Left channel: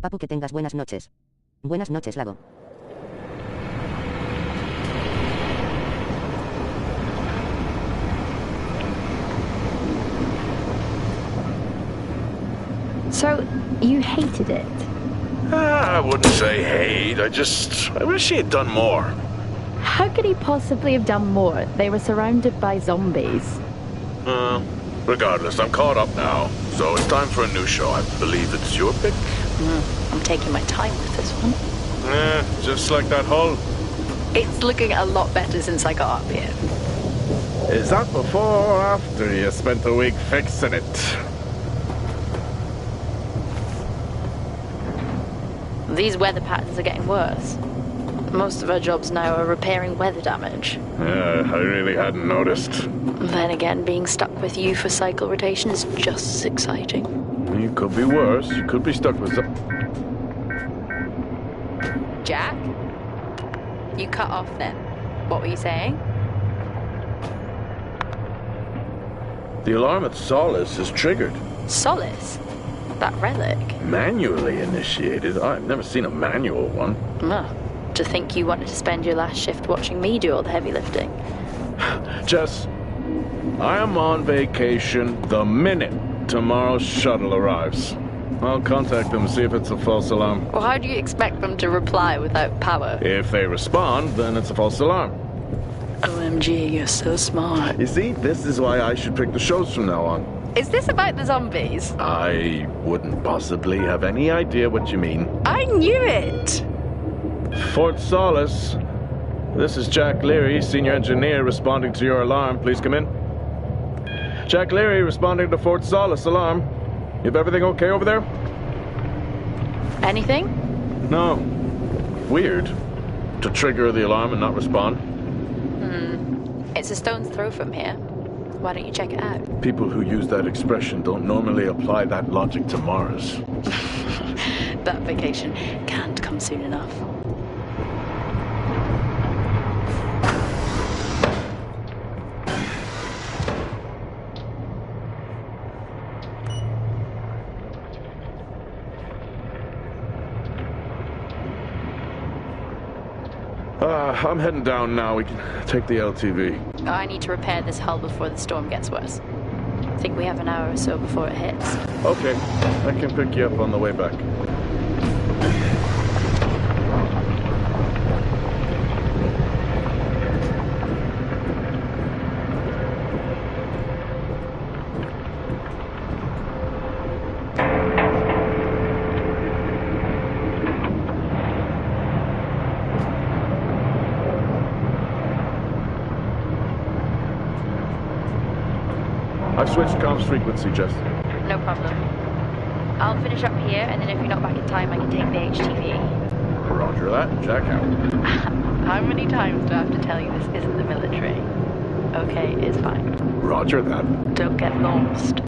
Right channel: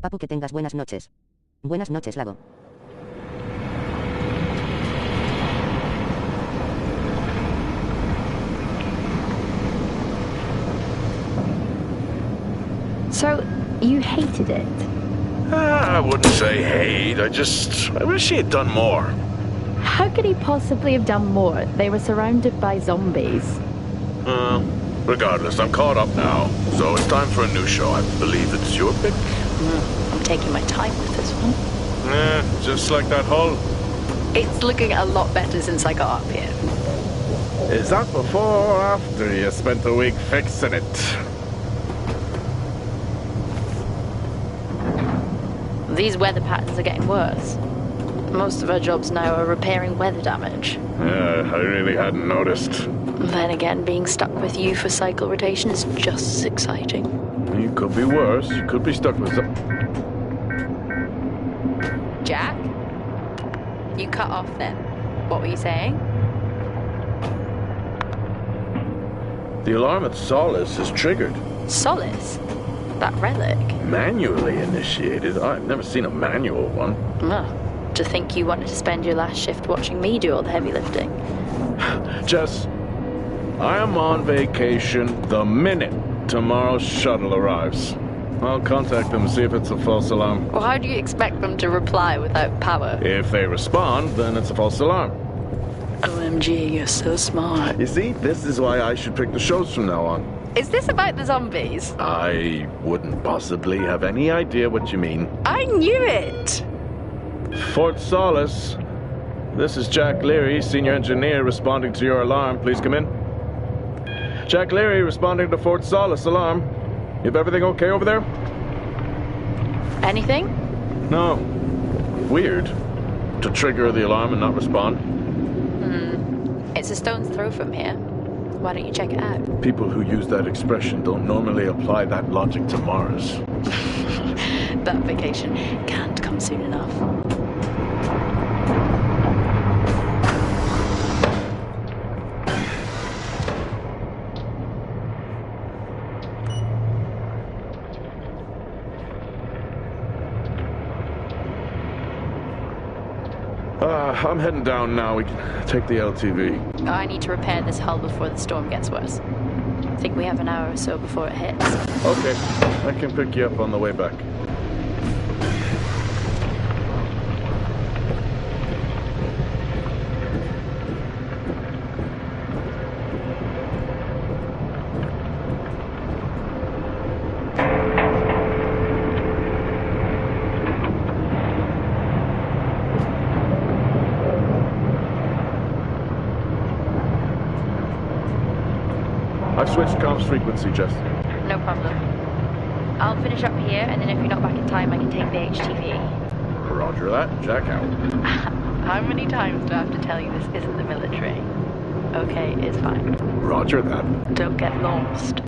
Papu, que tengas buenas noches. Buenas noches, Lago. So, you hated it? I wouldn't say hate, I wish he had done more. How could he possibly have done more? They were surrounded by zombies. Regardless, I'm caught up now, so it's time for a new show. I believe it's your pick. I'm taking my time with this one. Just like that hull. It's looking a lot better since I got up here. Is that before or after you spent a week fixing it? These weather patterns are getting worse. Most of our jobs now are repairing weather damage. Yeah, I really hadn't noticed. Then again, being stuck with you for cycle rotation is just as exciting. You could be worse. You could be stuck with Jack? You cut off then. What were you saying? The alarm at Solis is triggered. Solis? That relic? Manually initiated? I've never seen a manual one. To think you wanted to spend your last shift watching me do all the heavy lifting. Jess, I am on vacation the minute tomorrow's shuttle arrives. I'll contact them and see if it's a false alarm. Well, how do you expect them to reply without power? If they respond, then it's a false alarm. OMG, you're so smart. You see, this is why I should pick the shows from now on. Is this about the zombies? I wouldn't possibly have any idea what you mean. I knew it! Fort Solis. This is Jack Leary, senior engineer, responding to your alarm. Please come in. Jack Leary, responding to Fort Solis alarm. You have everything okay over there? Anything? No. Weird. To trigger the alarm and not respond. It's a stone's throw from here. Why don't you check it out? People who use that expression don't normally apply that logic to Mars. That vacation can't come soon enough. I'm heading down now. We can take the LTV. I need to repair this hull before the storm gets worse. I think we have an hour or so before it hits. Okay. I can pick you up on the way back. I've switched comms frequency, Jess. No problem. I'll finish up here, and then if you're not back in time, I can take the HTV. Roger that. Jack out. How many times do I have to tell you this isn't the military? Okay, it's fine. Roger that. Don't get lost.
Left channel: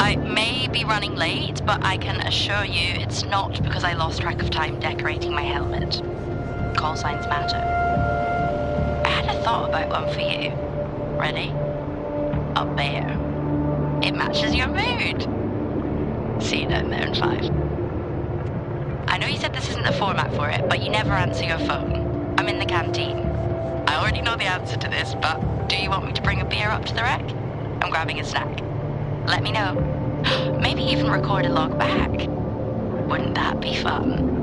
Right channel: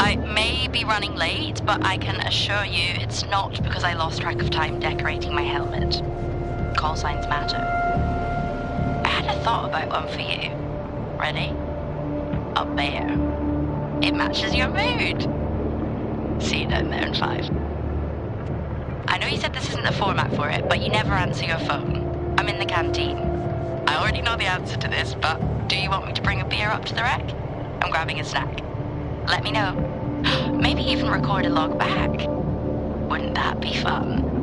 I may be running late, but I can assure you it's not because I lost track of time decorating my helmet. Call signs matter. I had a thought about one for you. Ready? A bear. It matches your mood. See you down there in 5. I know you said this isn't the format for it, but you never answer your phone. I'm in the canteen. I already know the answer to this, but do you want me to bring a beer up to the wreck? I'm grabbing a snack. Let me know. Maybe even record a log back. Wouldn't that be fun?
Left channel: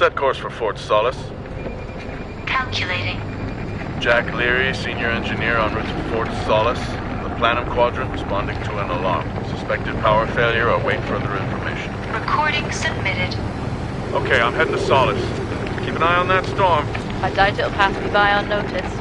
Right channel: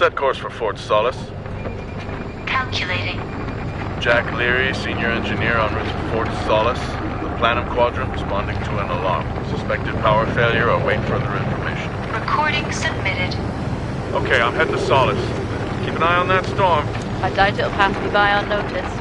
Set course for Fort Solis. Calculating. Jack Leary, senior engineer en route to Fort Solis. The Planum Quadrant responding to an alarm. Suspected power failure. Await further information. Recording submitted. Okay, I'm heading to Solis. Keep an eye on that storm. I doubt it'll pass me by unnoticed.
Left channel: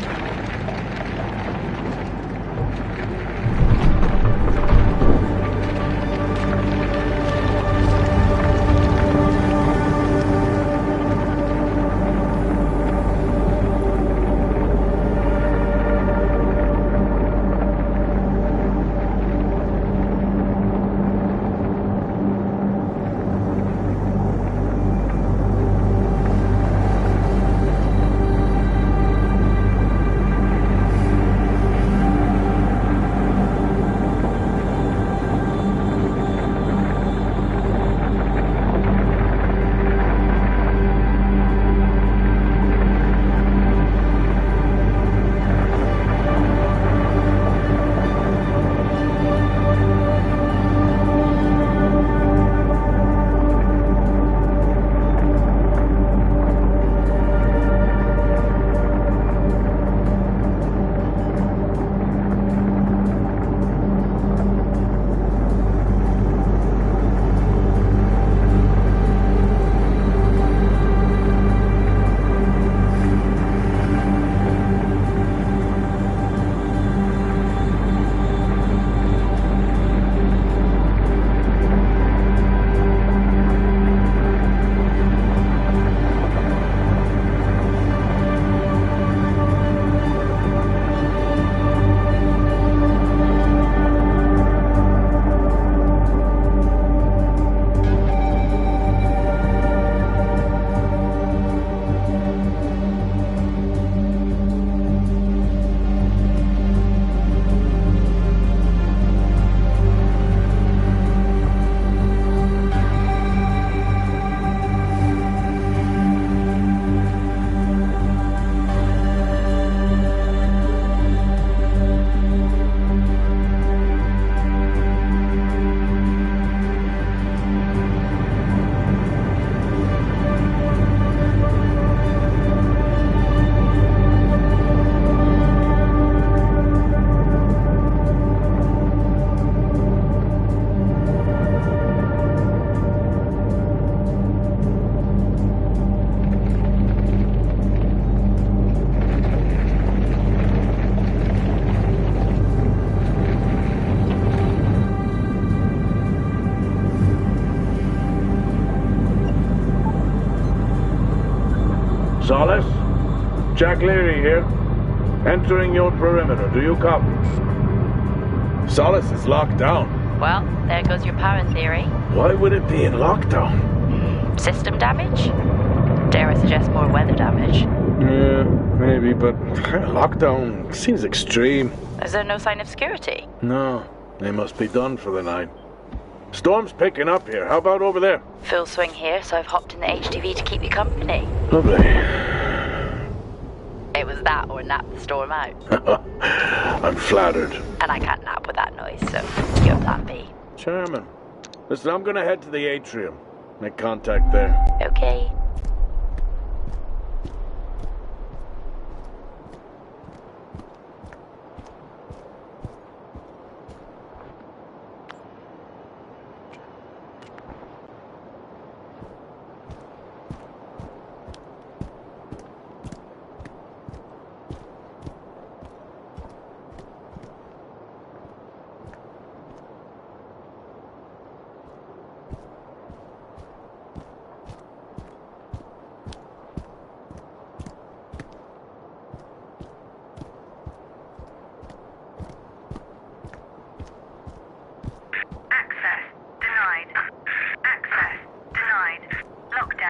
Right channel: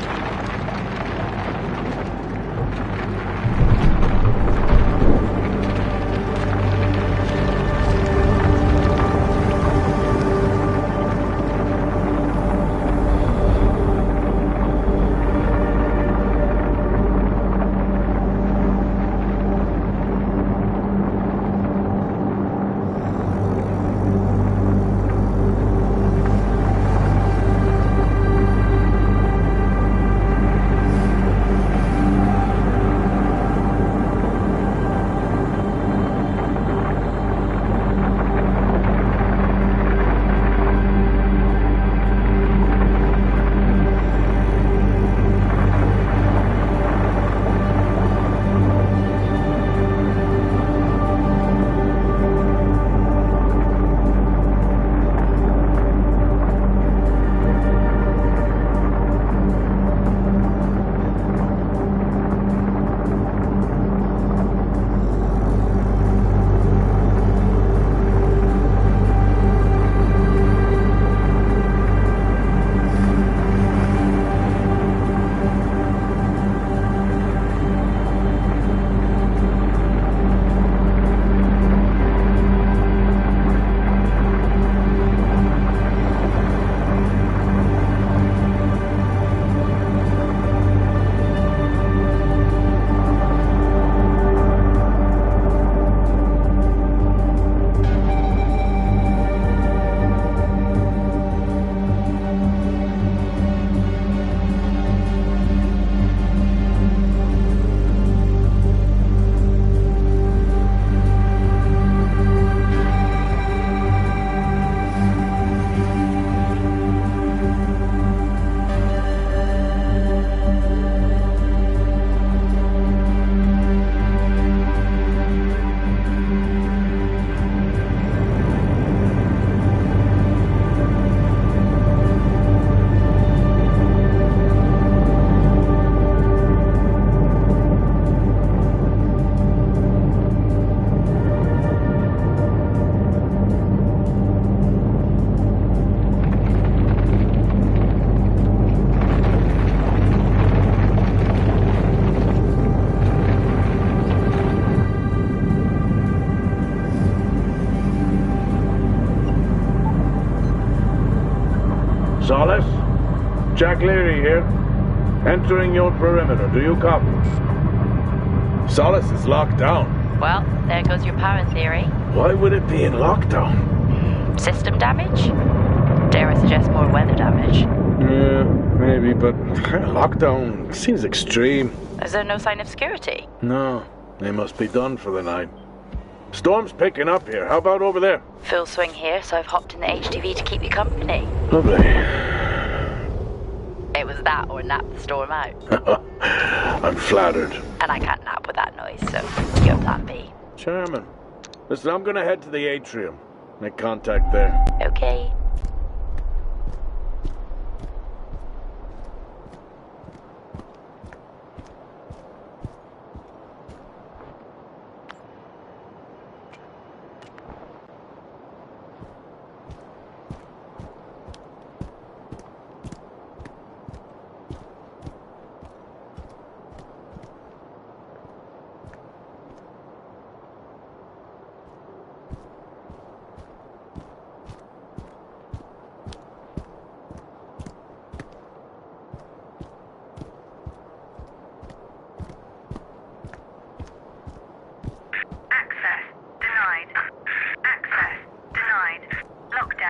Solis? Jack Leary here. Entering your perimeter. Do you copy? Solis is locked down. Well, there goes your power theory. Why would it be in lockdown? System damage? Dare I suggest more weather damage? Yeah, maybe, but lockdown seems extreme. Is there no sign of security? No, they must be done for the night. Storm's picking up here. How about over there? Full swing here, so I've hopped in the HTV to keep you company. Lovely. It was that or nap the storm out. I'm flattered. And I can't nap with that noise, so your plan B. Charming. Listen, I'm gonna head to the atrium. Make contact there. Okay.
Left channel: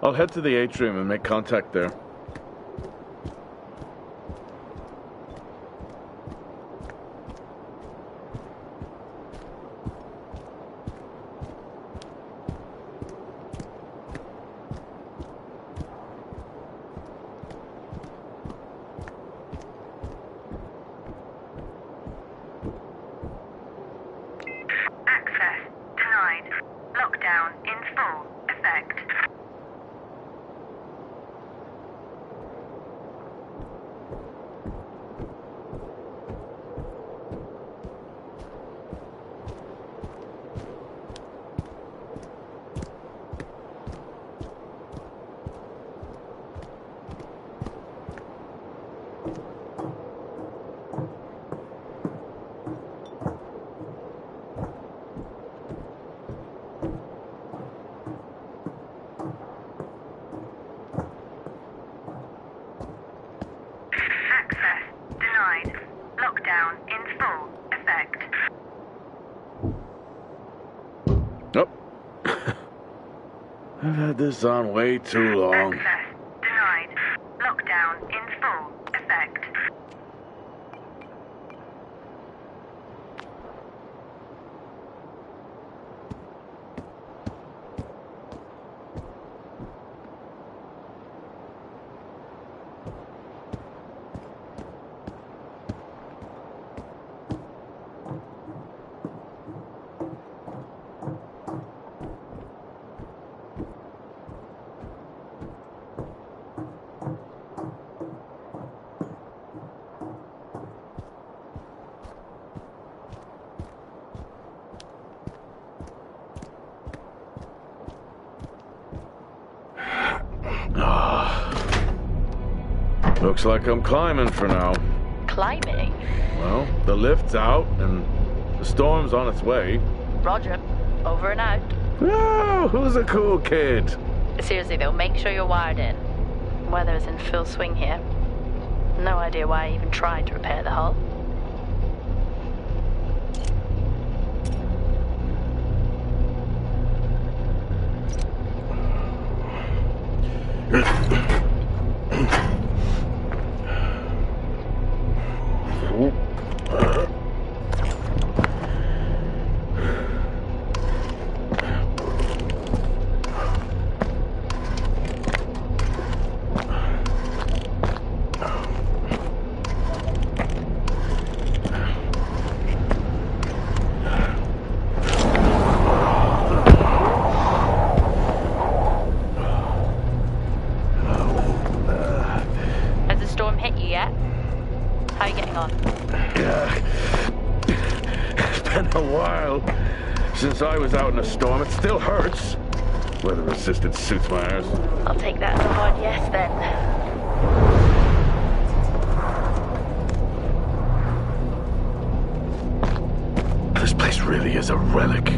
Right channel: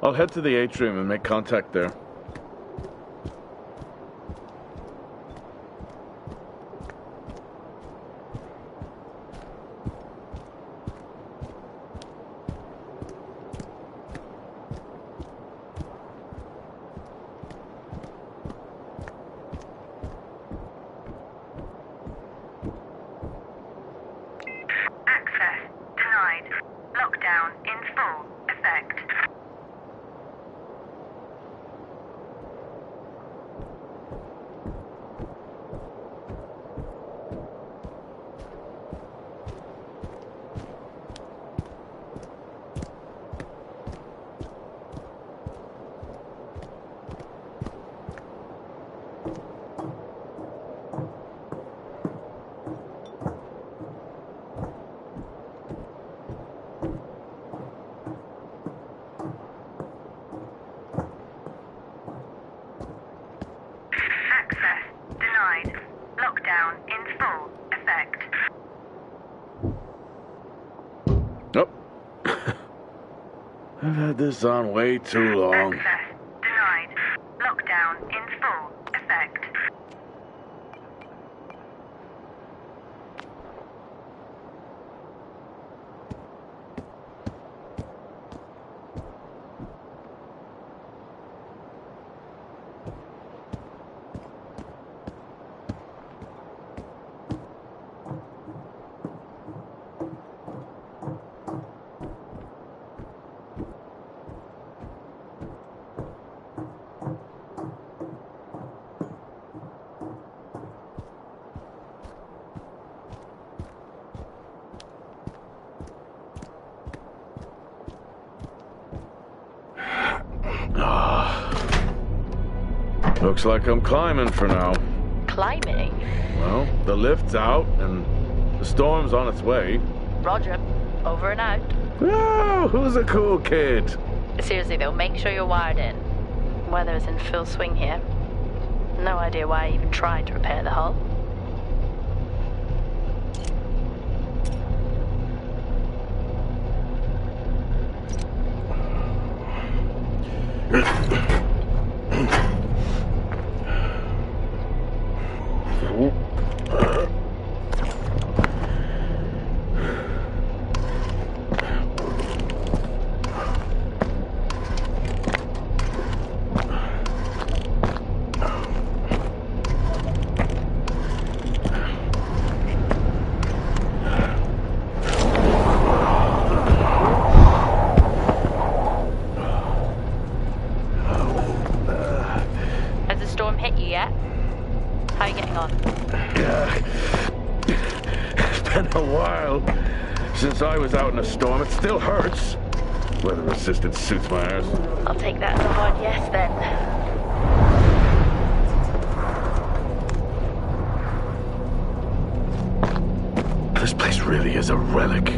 I'll head to the atrium and make contact there. Access denied. Lockdown in full effect. had this on way too long. Access denied. Lockdown in full effect. Looks like I'm climbing for now. Climbing? Well, the lift's out and the storm's on its way. Roger. Over and out. Oh, who's a cool kid? Seriously though, make sure you're wired in. Weather is in full swing here. No idea why I even tried to repair the hull. Since I was out in a storm, it still hurts. Weather-resistant suits my arse. I'll take that as a hard yes, then. This place really is a relic.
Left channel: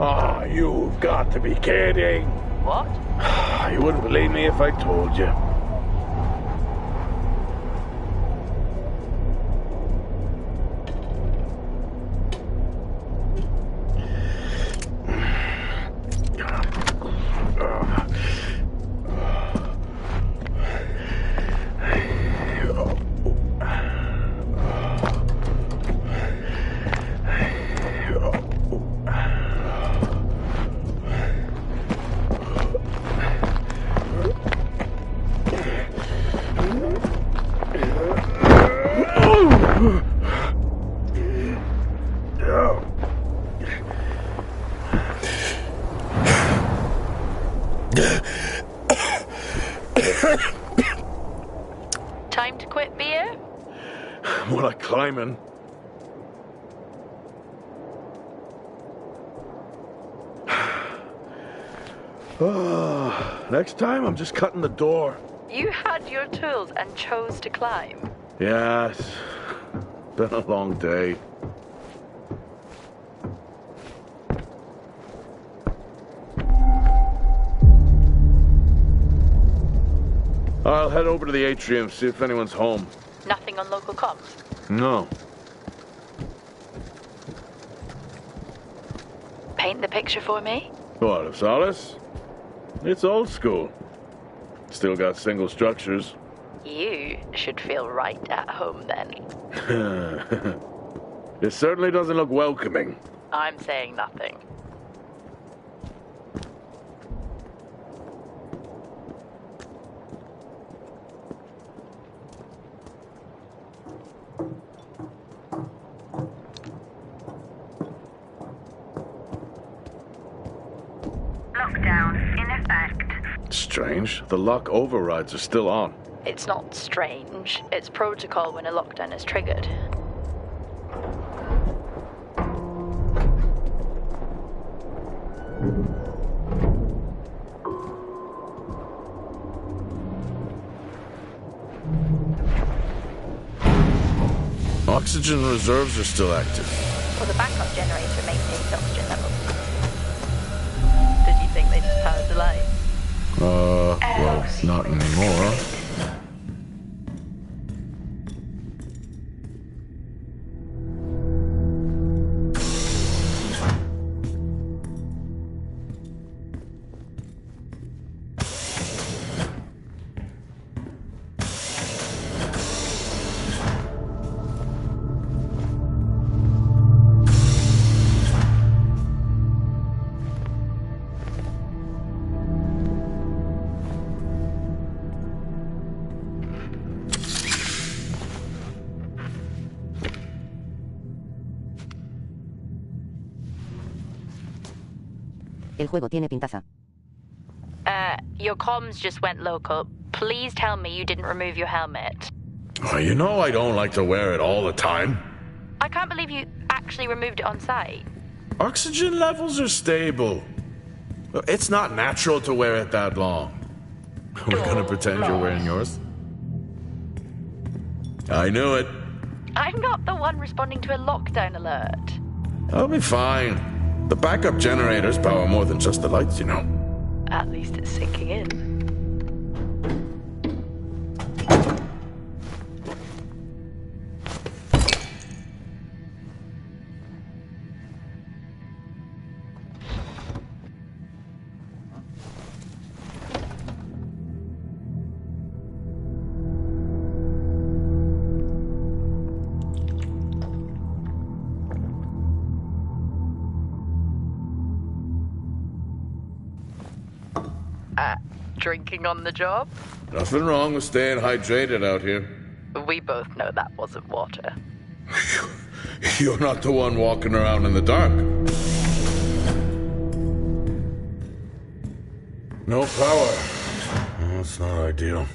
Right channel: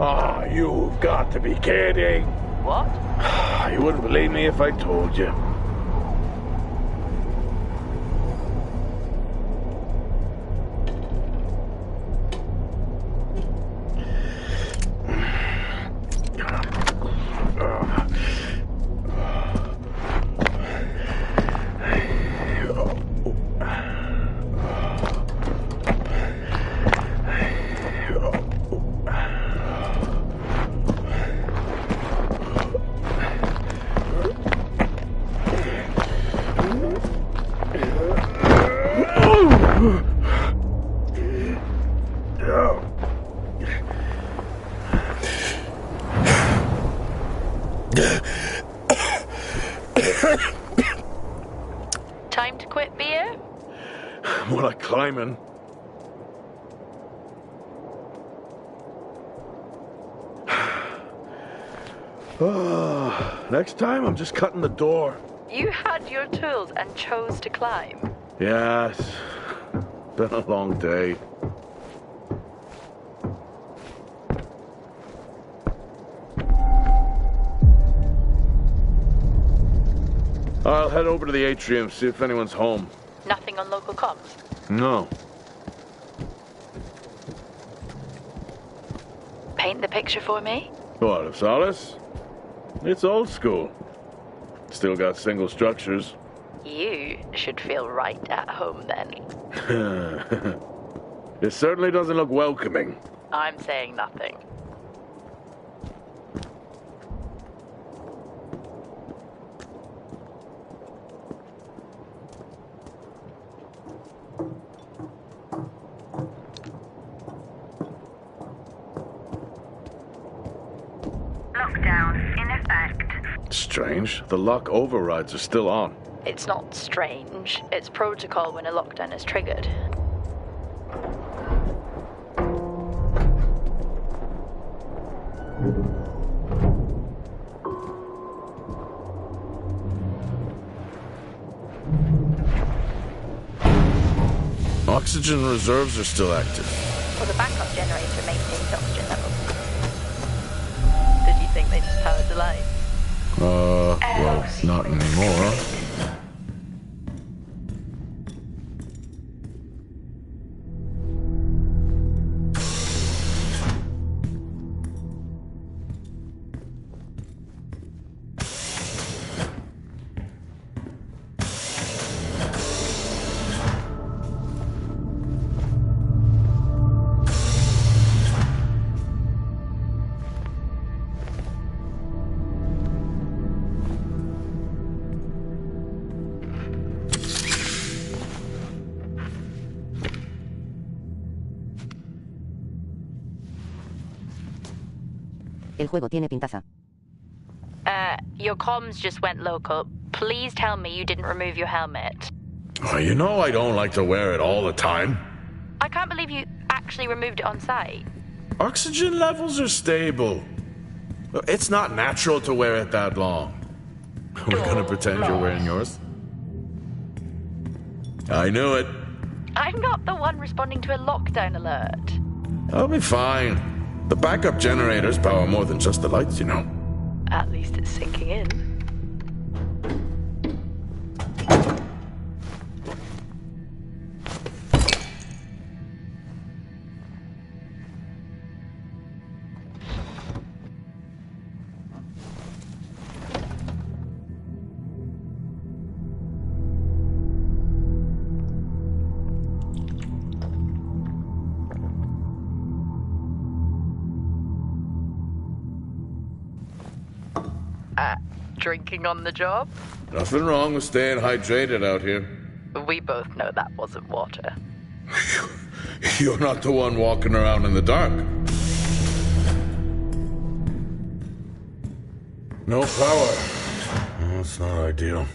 Oh, you've got to be kidding. What? You wouldn't believe me if I told you. Time to quit beer? More like climbing. Oh, next time I'm just cutting the door. You had your tools and chose to climb. Yes. Been a long day. I'll head over to the atrium, see if anyone's home. Nothing on local comms? No. Paint the picture for me? What, of Solis? It's old school. Still got single structures. You should feel right at home then. It certainly doesn't look welcoming. I'm saying nothing. Lockdown in effect. Strange. The lock overrides are still on. It's not strange. It's protocol when a lockdown is triggered. Oxygen reserves are still active. Well, the backup generator maintains oxygen levels. Did you think they just powered the lights? Well, not anymore. El juego tiene pintaza. Your comms just went local. Please tell me you didn't remove your helmet. Oh, you know I don't like to wear it all the time. I can't believe you actually removed it on site. Oxygen levels are stable. It's not natural to wear it that long. We're gonna pretend you're wearing yours? I knew it. I'm not the one responding to a lockdown alert. I'll be fine. The backup generators power more than just the lights, you know. At least it's sinking in. Drinking on the job? Nothing wrong with staying hydrated out here. We both know that wasn't water. You're not the one walking around in the dark. No power. That's not ideal.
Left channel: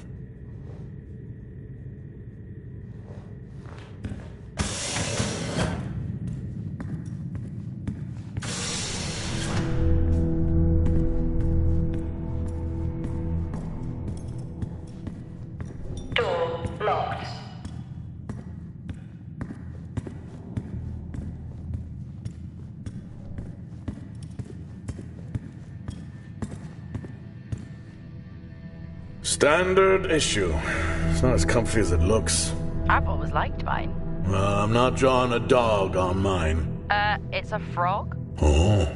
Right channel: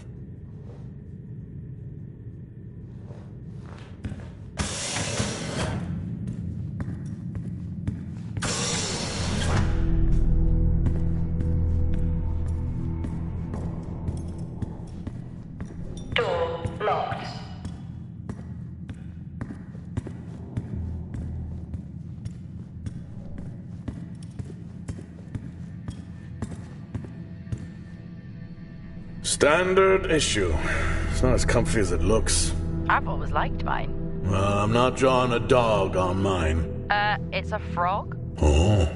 Door locked. Standard issue. It's not as comfy as it looks. I've always liked mine. Well, I'm not drawing a dog on mine. It's a frog? Oh.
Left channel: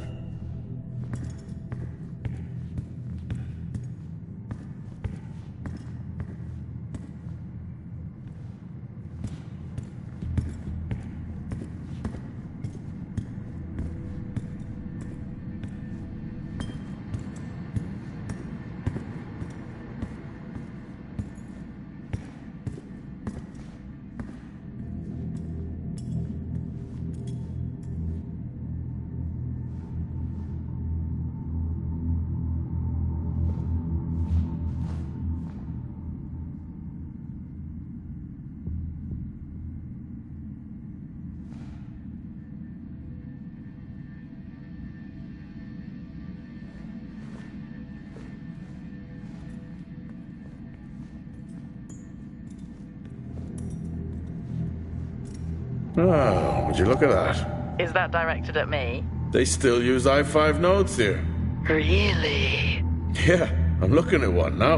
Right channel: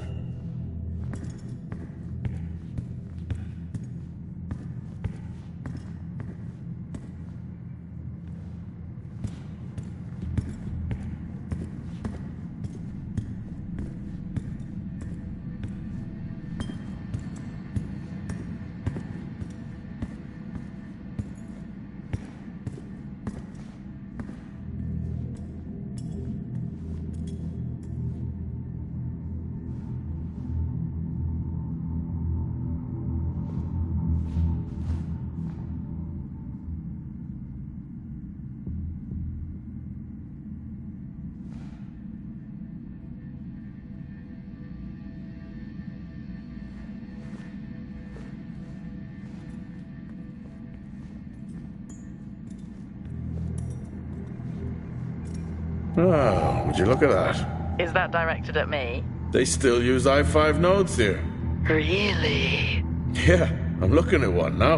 Oh, would you look at that? Is that directed at me? They still use i5 nodes here. Really? Yeah, I'm looking at one now.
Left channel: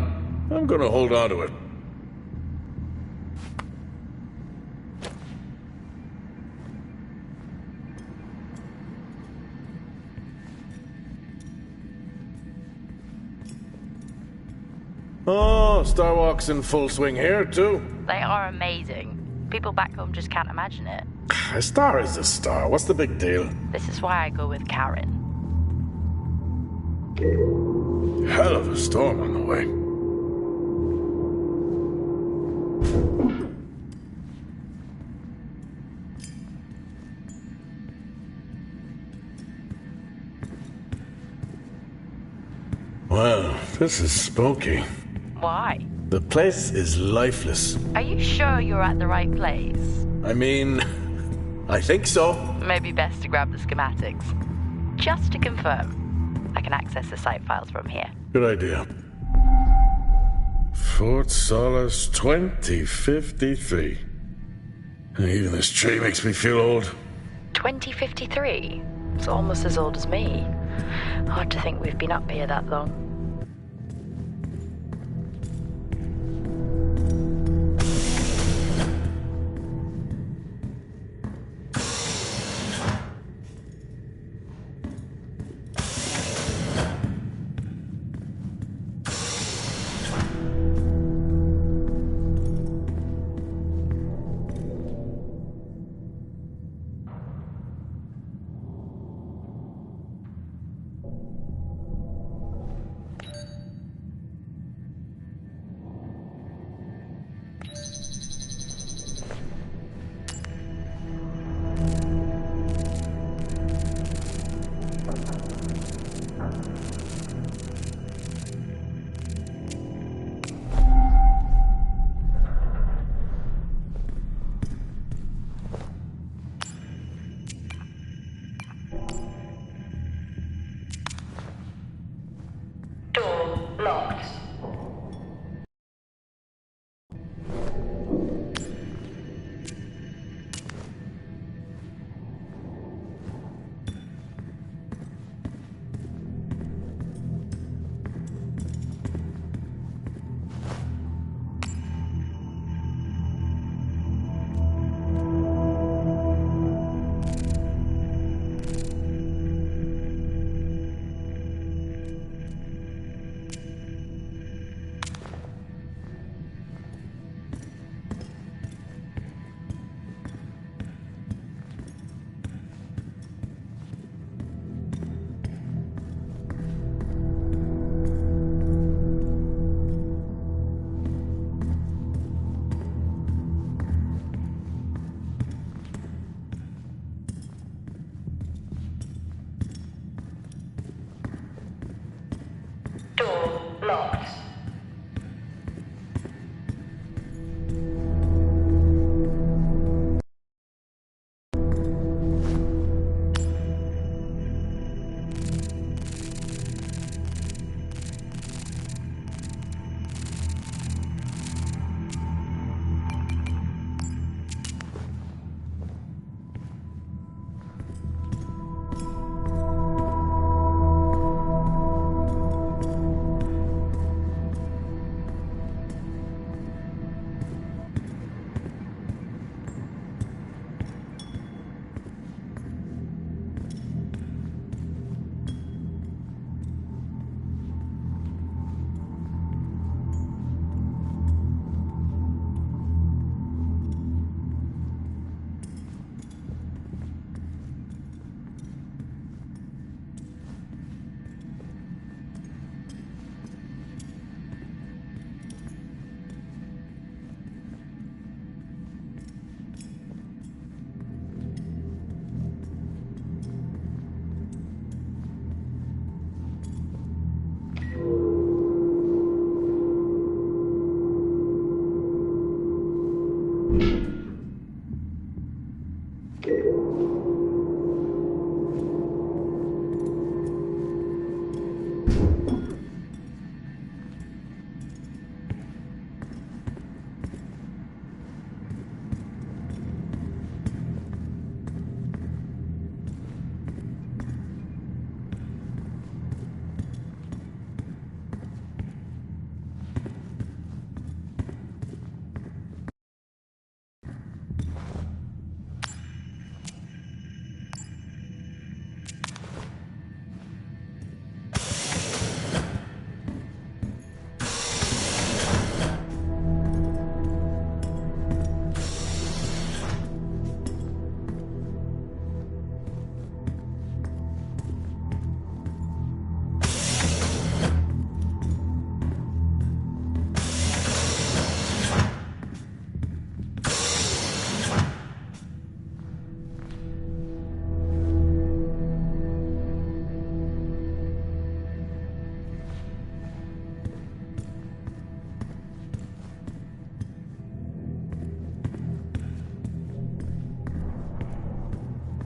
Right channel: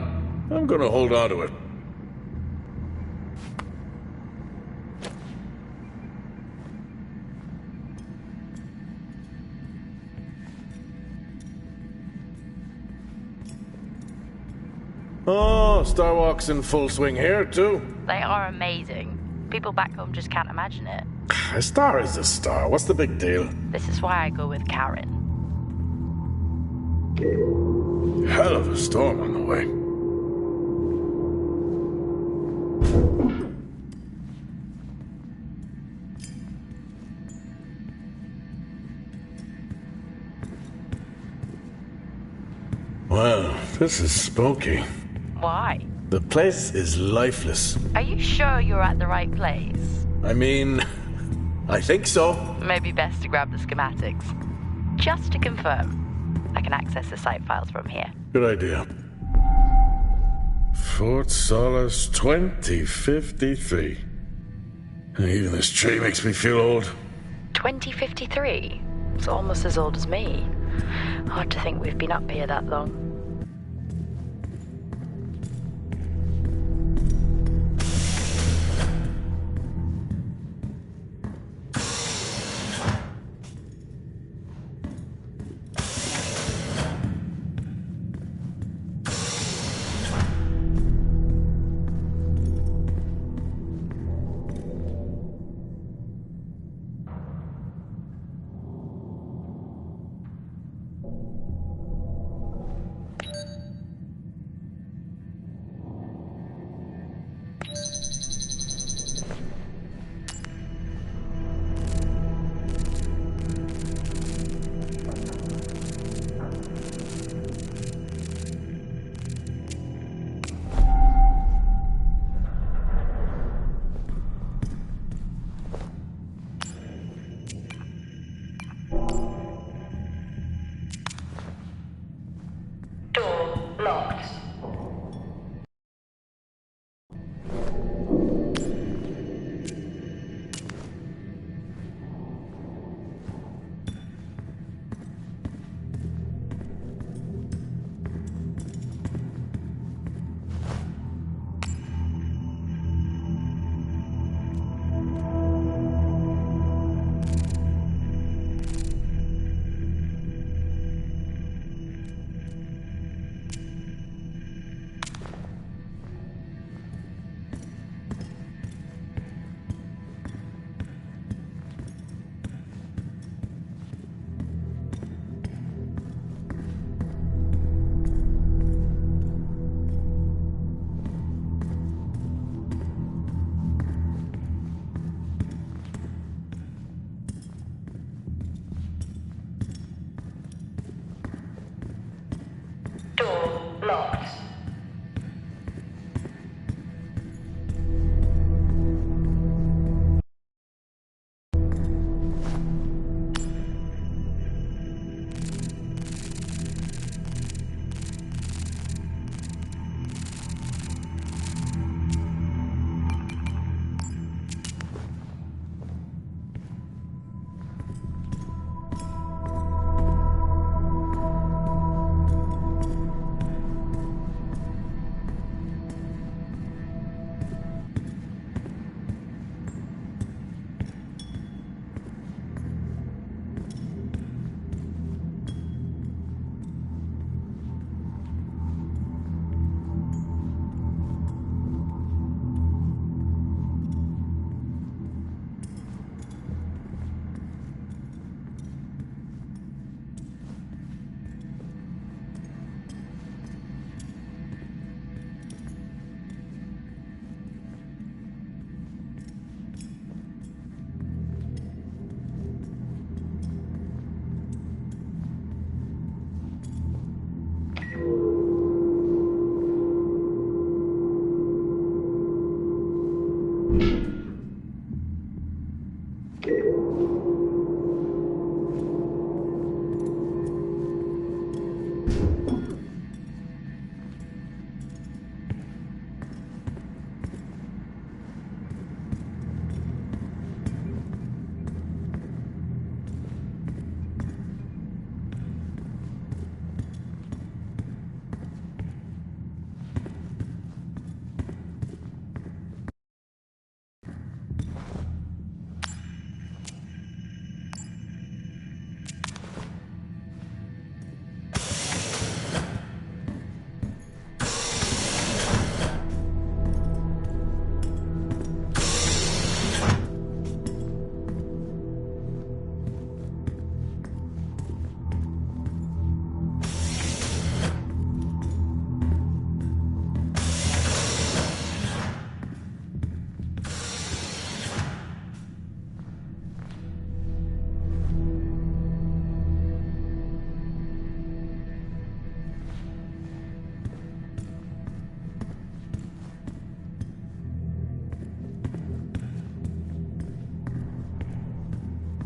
I'm gonna hold on to it. Oh, Starwalk's in full swing here, too. They are amazing. People back home just can't imagine it. A star is a star. What's the big deal? This is why I go with Karen. Hell of a storm on the way. Well, this is spooky. Why? The place is lifeless. Are you sure you're at the right place? I mean, I think so. Maybe best to grab the schematics. Just to confirm. I can access the site files from here. Good idea. Fort Solis 2053. Even this tree makes me feel old. 2053? It's almost as old as me. Hard to think we've been up here that long.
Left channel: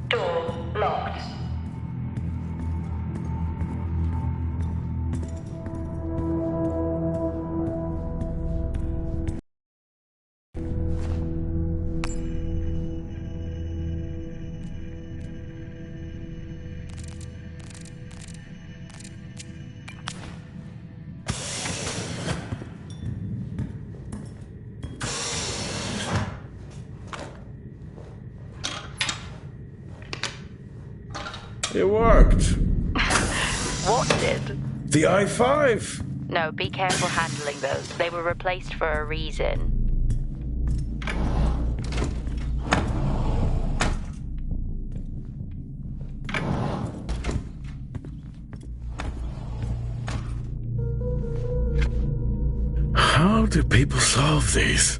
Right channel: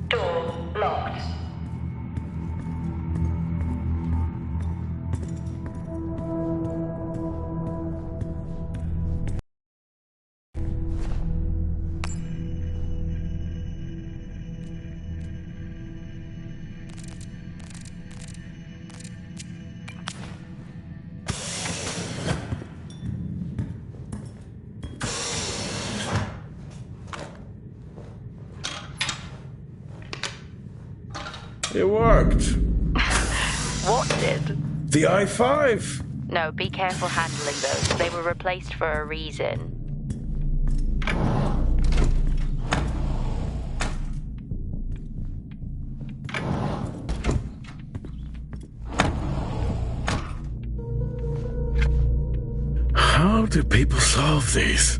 Door locked. It worked. What did? The I-5. No, be careful handling those. They were replaced for a reason. How do people solve these?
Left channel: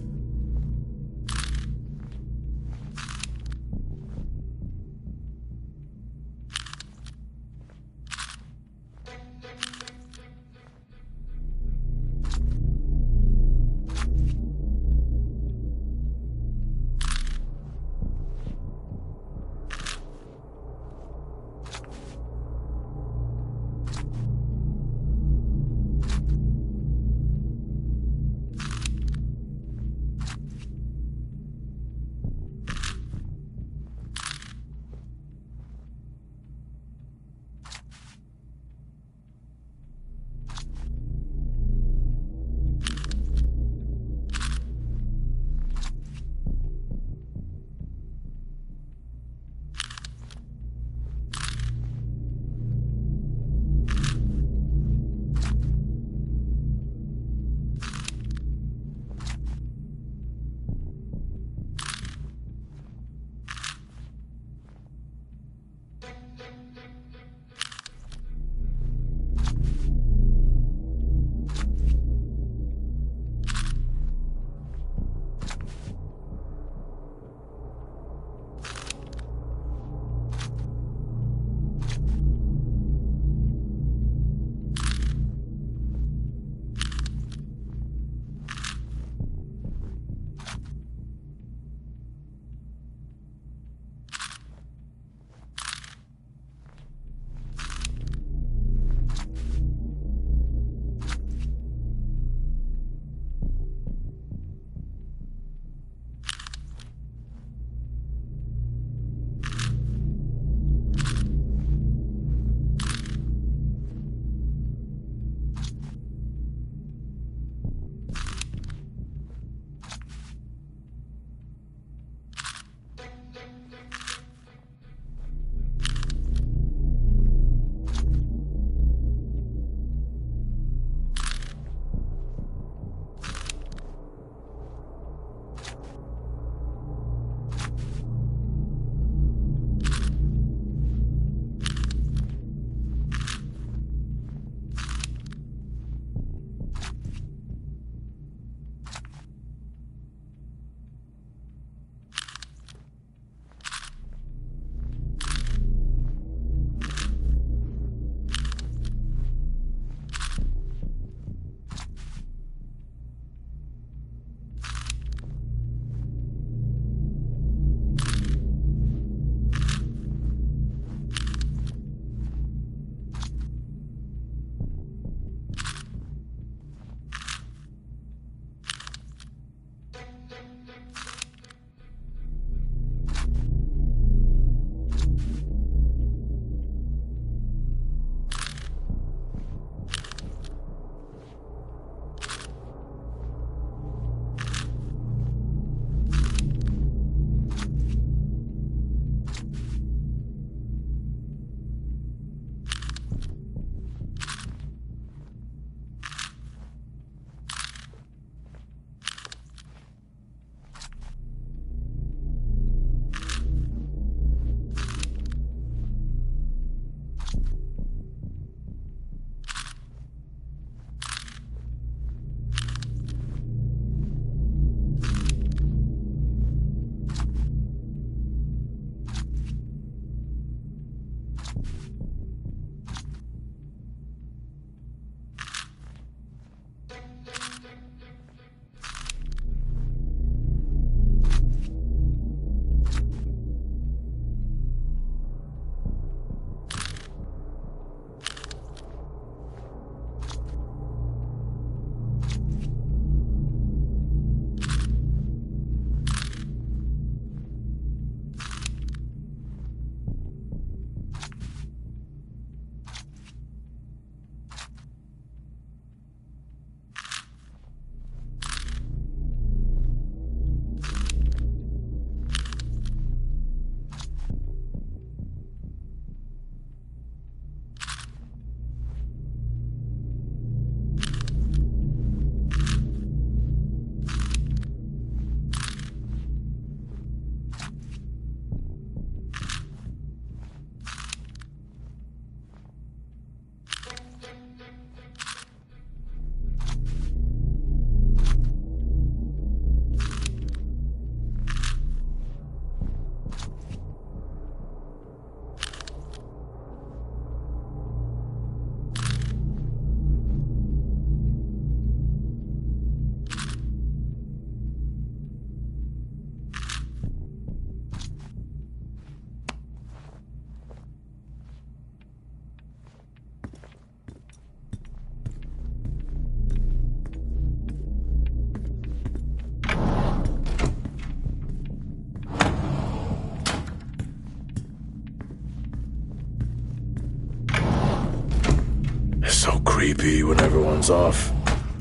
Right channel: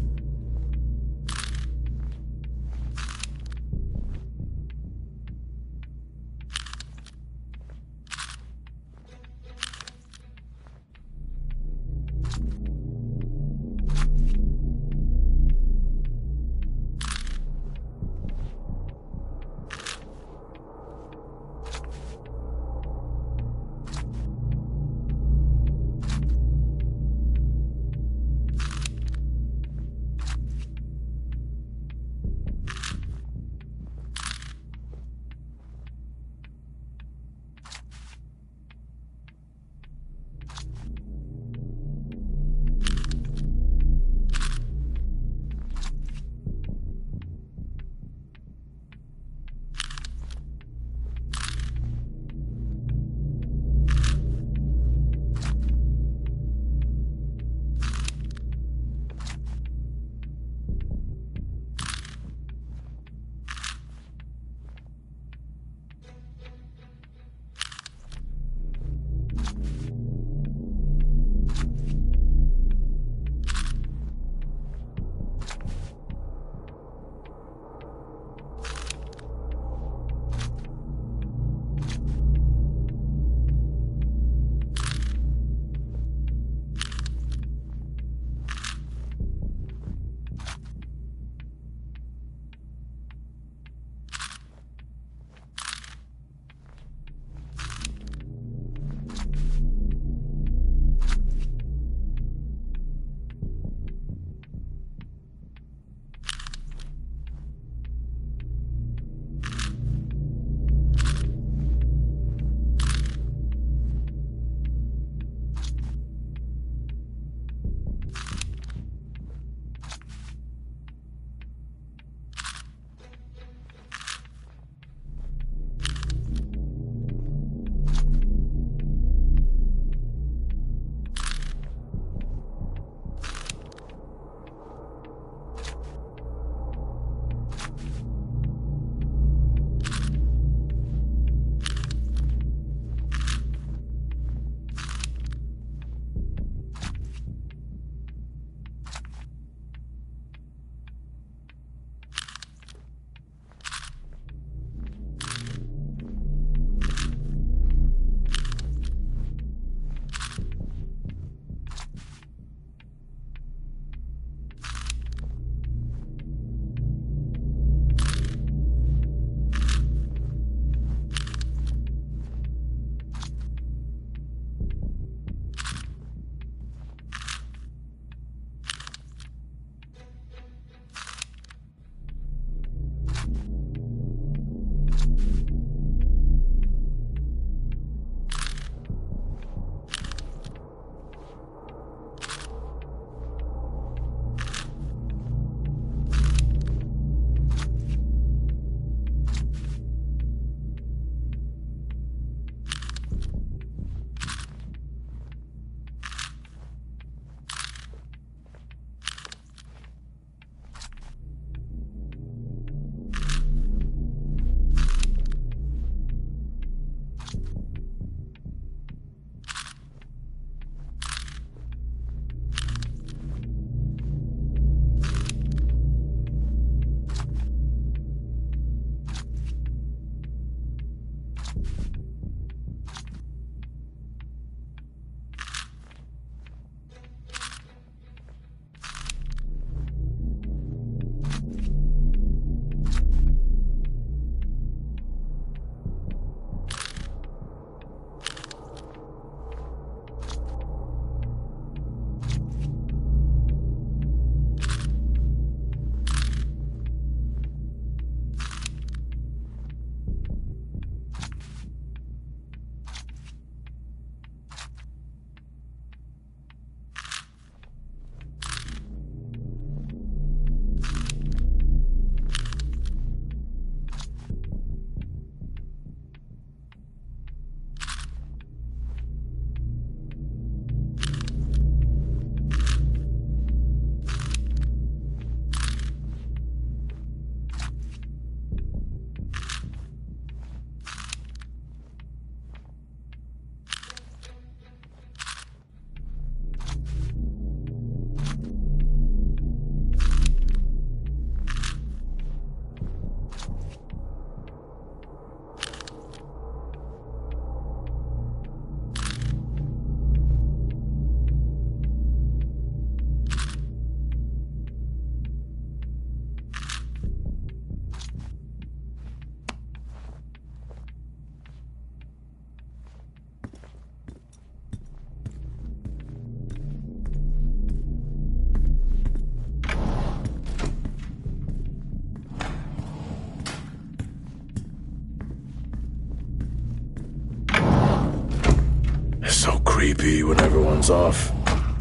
creepy when everyone's off.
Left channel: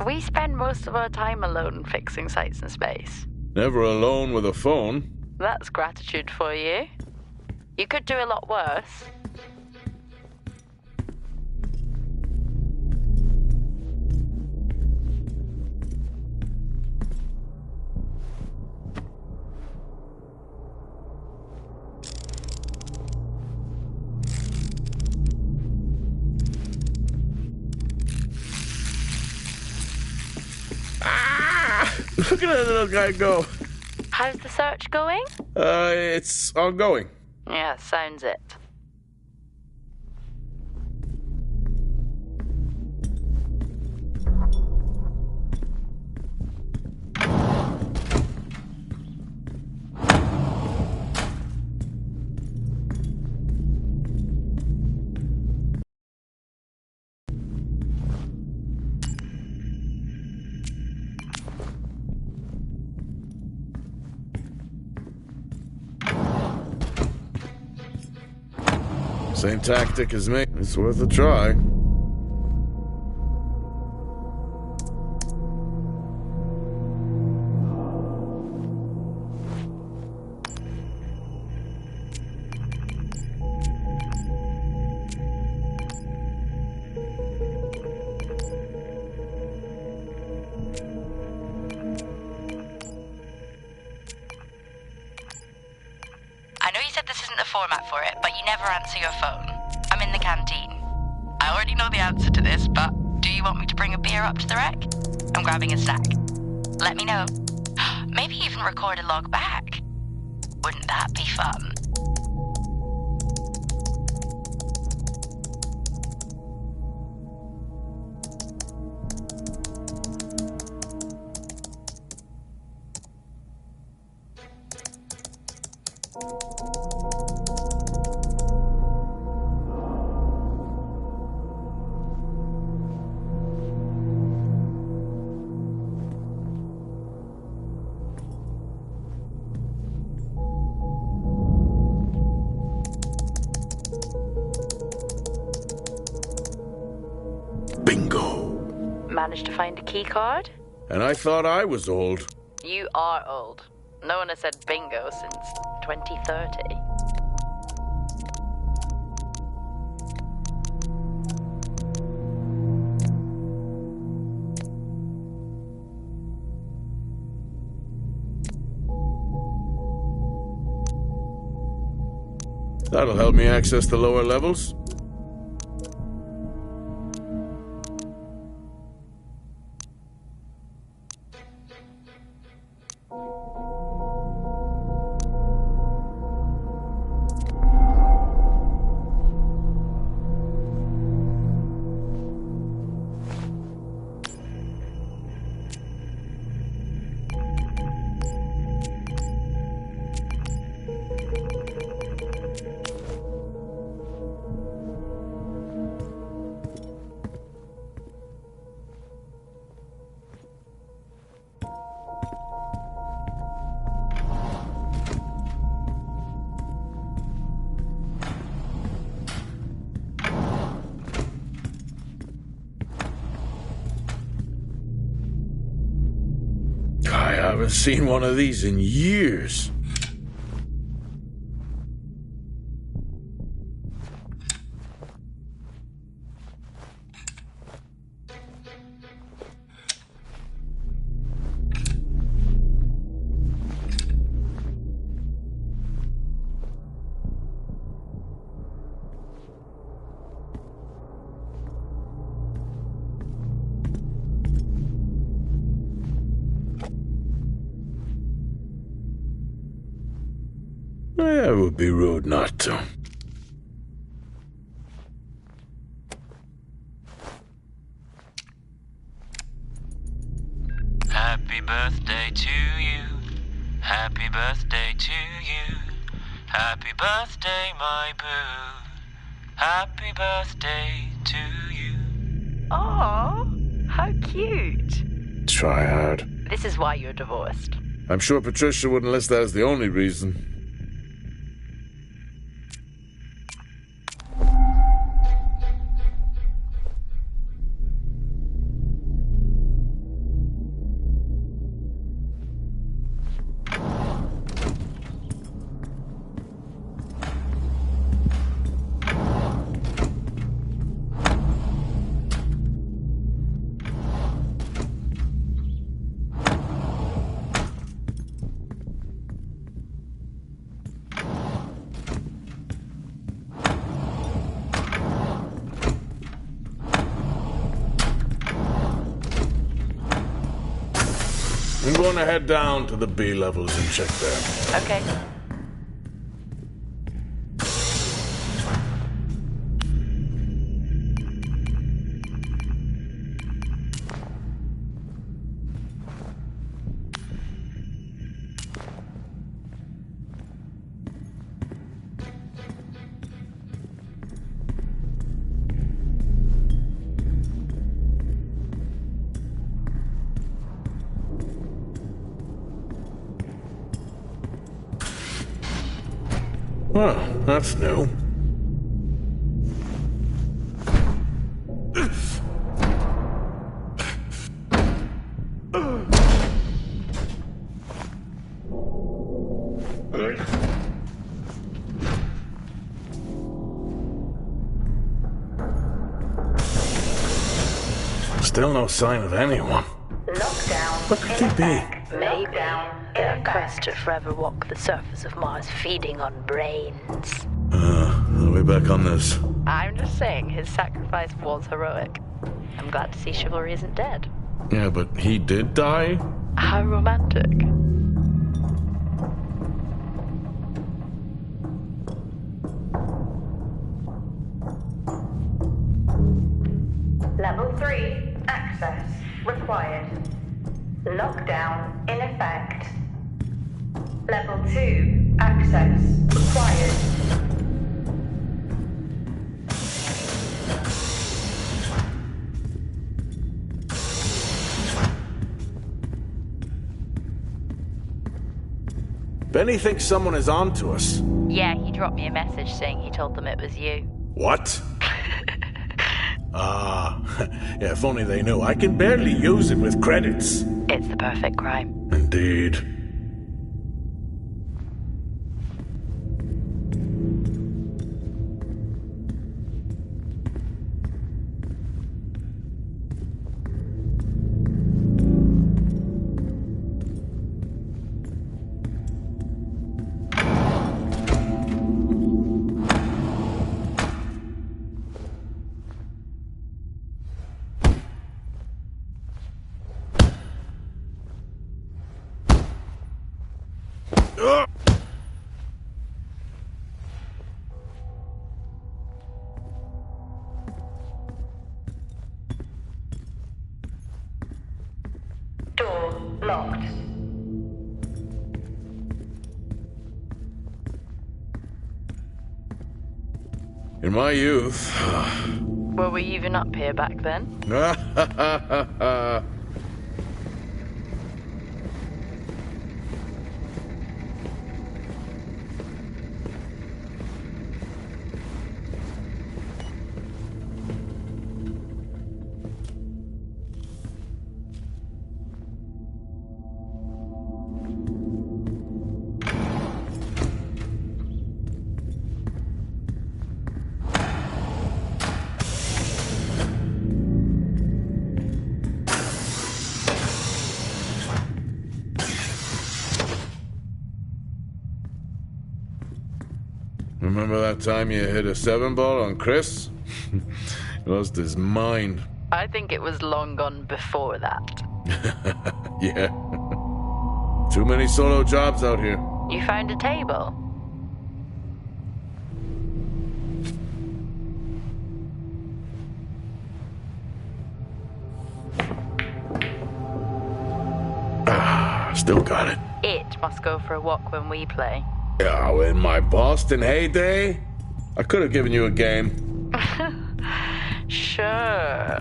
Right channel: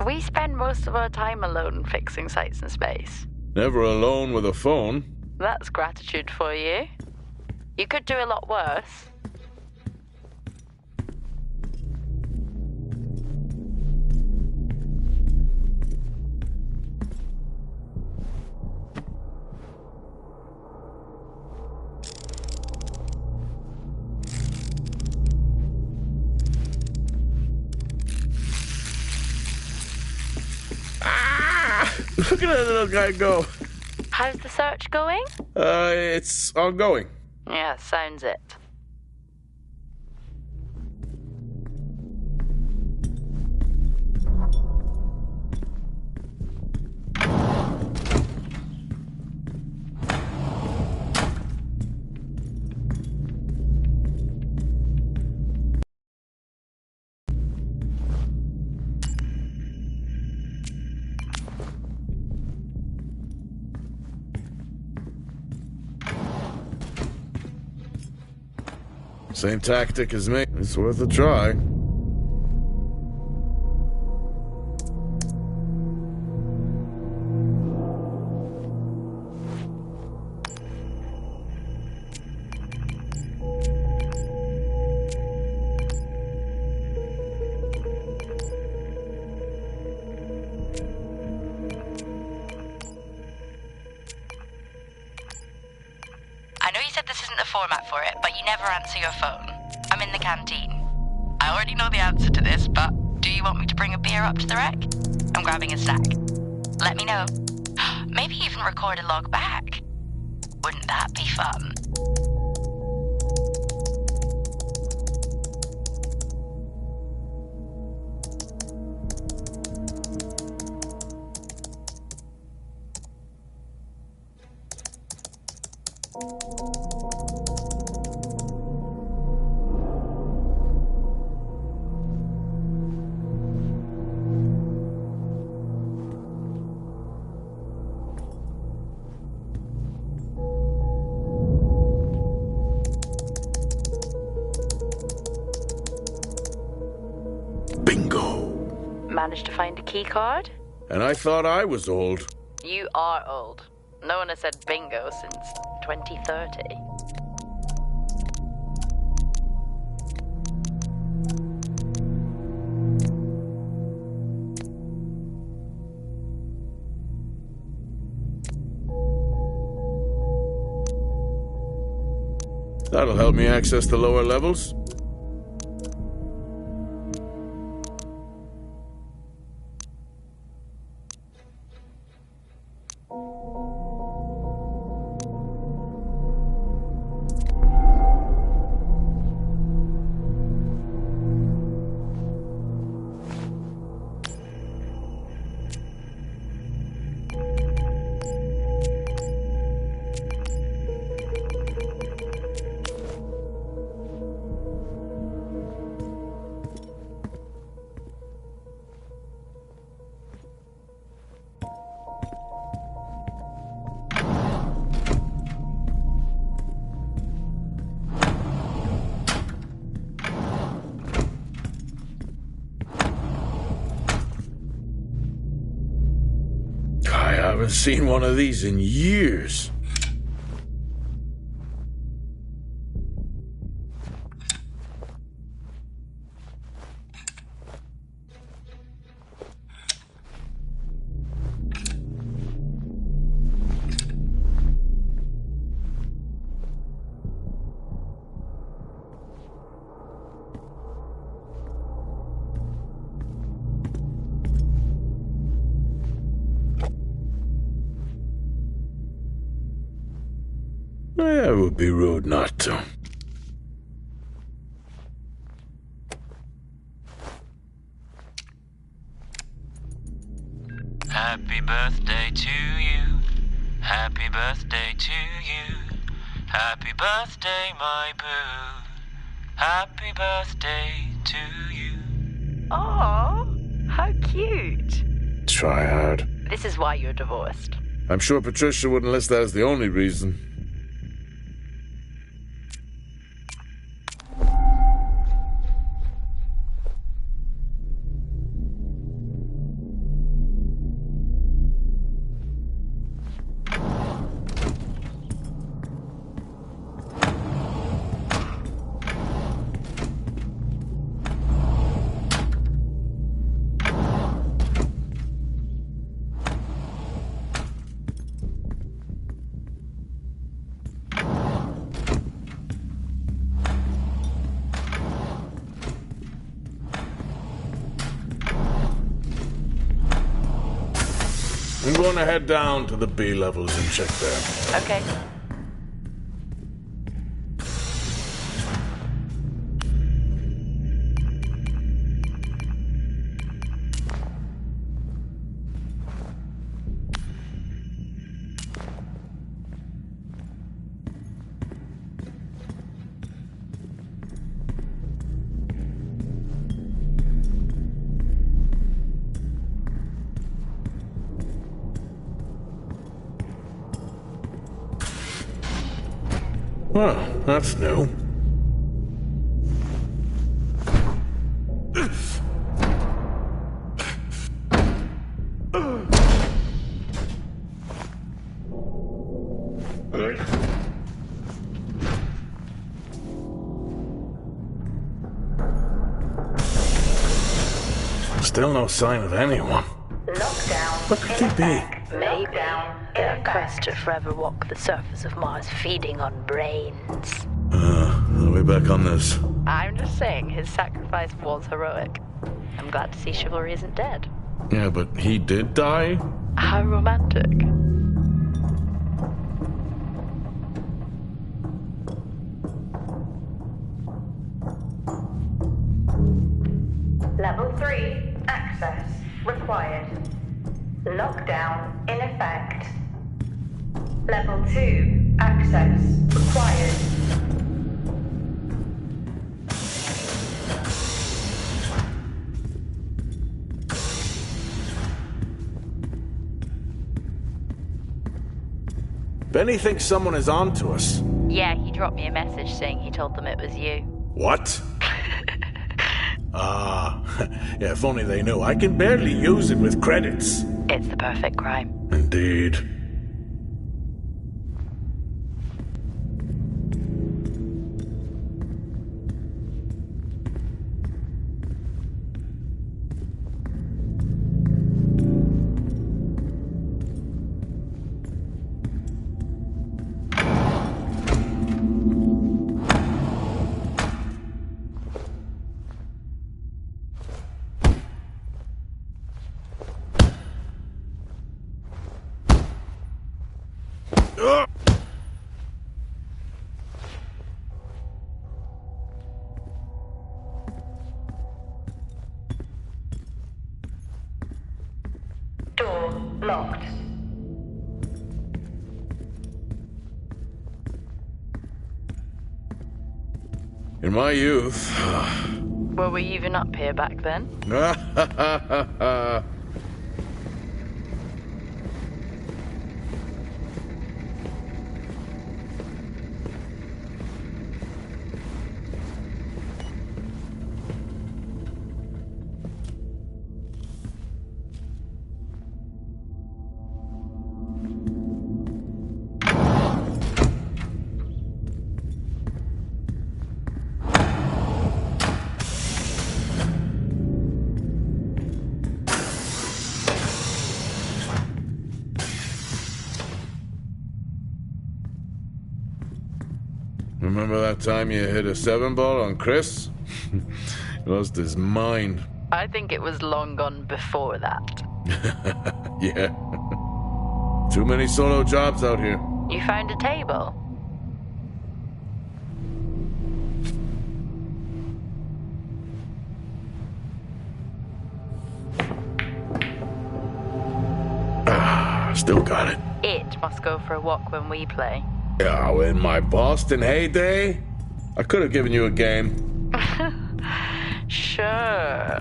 We spend most of our time alone fixing sites in space. Never alone with a phone. That's gratitude for you. You could do a lot worse. Look at that little guy go. How's the search going? It's ongoing. Yeah, sounds it. Same tactic as me. It's worth a try. I know you said this isn't the format for it, but you never answer your phone. I'm in the canteen. I already know the answer to this, but do you want me to bring a beer up to the wreck? I'm grabbing a snack. Let me know. Maybe even record a log back. Wouldn't that be fun? Bingo. Managed to find a key card? And I thought I was old. You are old. No one has said bingo since 2030. That'll help me access the lower levels. I haven't seen one of these in years. It would be rude not to. Happy birthday to you. Happy birthday to you. Happy birthday, my boo. Happy birthday to you. Aww, how cute. Try hard. This is why you're divorced. I'm sure Patricia wouldn't list that as the only reason. going to head down to the B levels and check there. Okay. Well, that's new. Still no sign of anyone. Lockdown. What could it be? Maybe a quest to forever walk the surface of Mars feeding on brains. Are we back on this? I'm just saying his sacrifice was heroic. I'm glad to see chivalry isn't dead. Yeah, but he did die? How romantic. Level 3. Access required. Lockdown in effect. Level 2. Access required. Benny thinks someone is on to us. Yeah, he dropped me a message saying he told them it was you. What? Yeah, if only they knew. I can barely use it with credits. It's the perfect crime. Indeed. Door locked. In my youth... Were we even up here back then? Remember that time you hit a 7-ball on Chris? He lost his mind. I think it was long gone before that. Yeah. Too many solo jobs out here. You found a table? Still got it. It must go for a walk when we play. Oh, in my Boston heyday, I could have given you a game. Sure.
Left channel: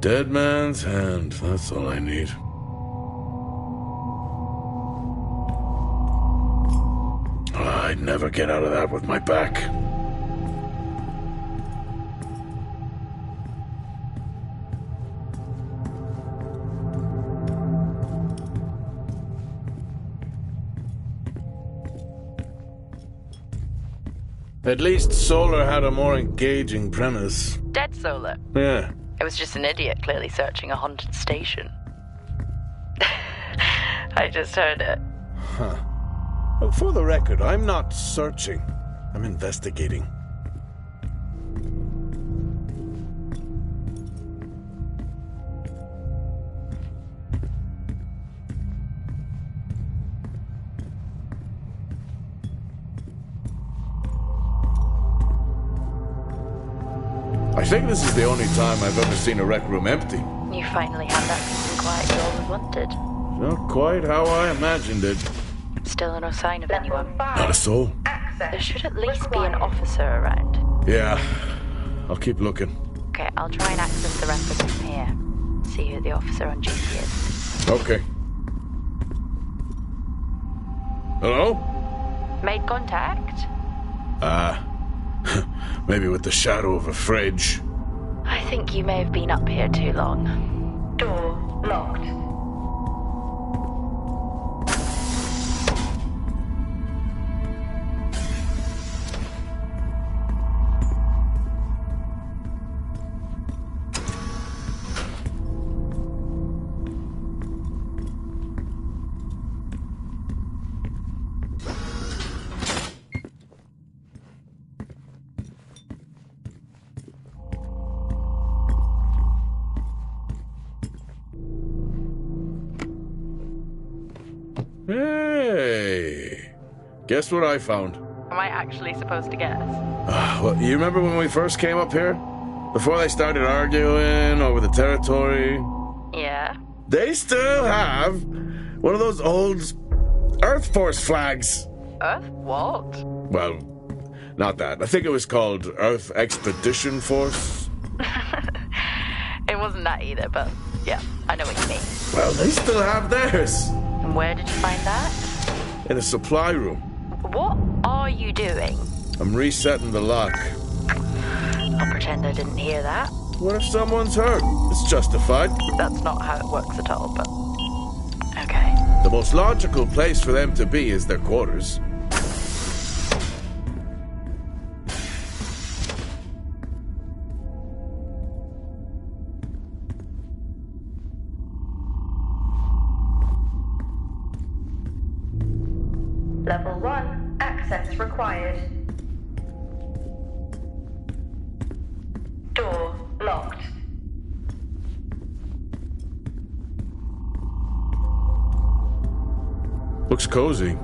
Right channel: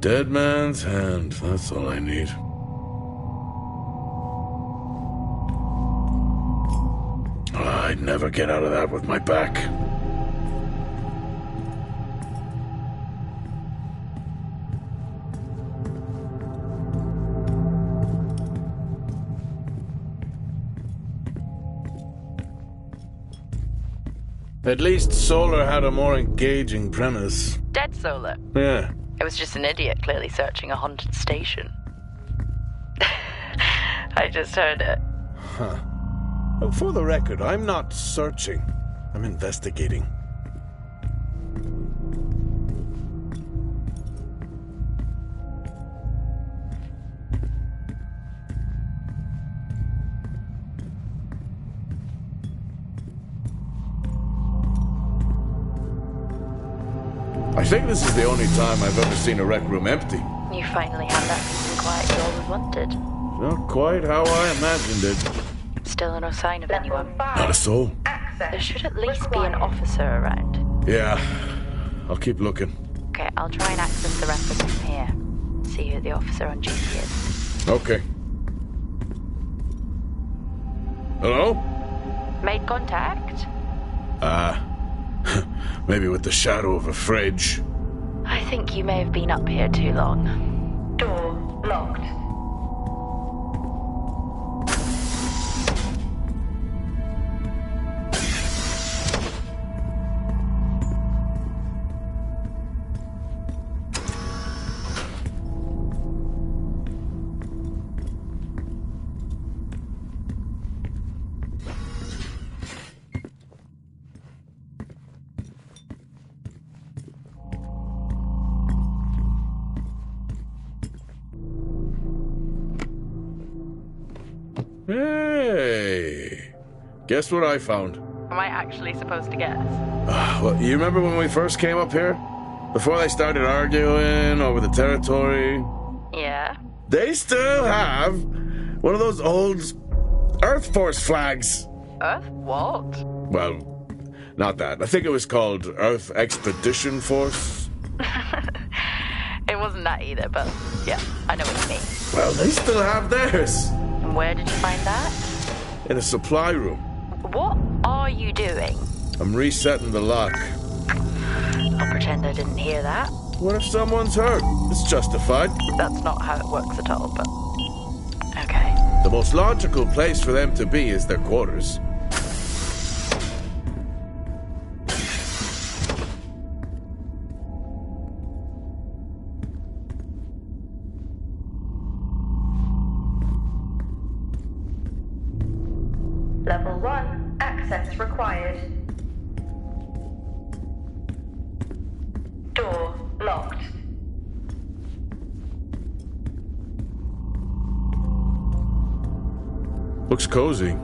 Dead man's hand, that's all I need. I'd never get out of that with my back. At least Solar had a more engaging premise. Dead Solar. Yeah. It was just an idiot clearly searching a haunted station. I just heard it. Huh. Well, for the record, I'm not searching. I'm investigating. think this is the only time I've ever seen a rec room empty. You finally had that peace and quiet you always wanted. Not quite how I imagined it. Still no sign of anyone. Not a soul. There should at least be an officer around. Yeah, I'll keep looking. Okay, I'll try and access the rest of it from here. See who the officer on duty is. Okay. Hello? Made contact? Maybe with the shadow of a fridge. I think you may have been up here too long. Door locked. Hey! Guess what I found? Am I actually supposed to guess? Well, you remember when we first came up here? Before they started arguing over the territory? Yeah? They still have one of those old Earth Force flags. Earth what? Well, not that. I think it was called Earth Expedition Force. It wasn't that either, but yeah, I know what you mean. Well, they still have theirs. And where did you find that? In a supply room. What are you doing? I'm resetting the lock. I'll pretend I didn't hear that. What if someone's hurt? It's justified. That's not how it works at all, but... Okay. The most logical place for them to be is their quarters. Level 1, access required. Door locked. Looks cozy.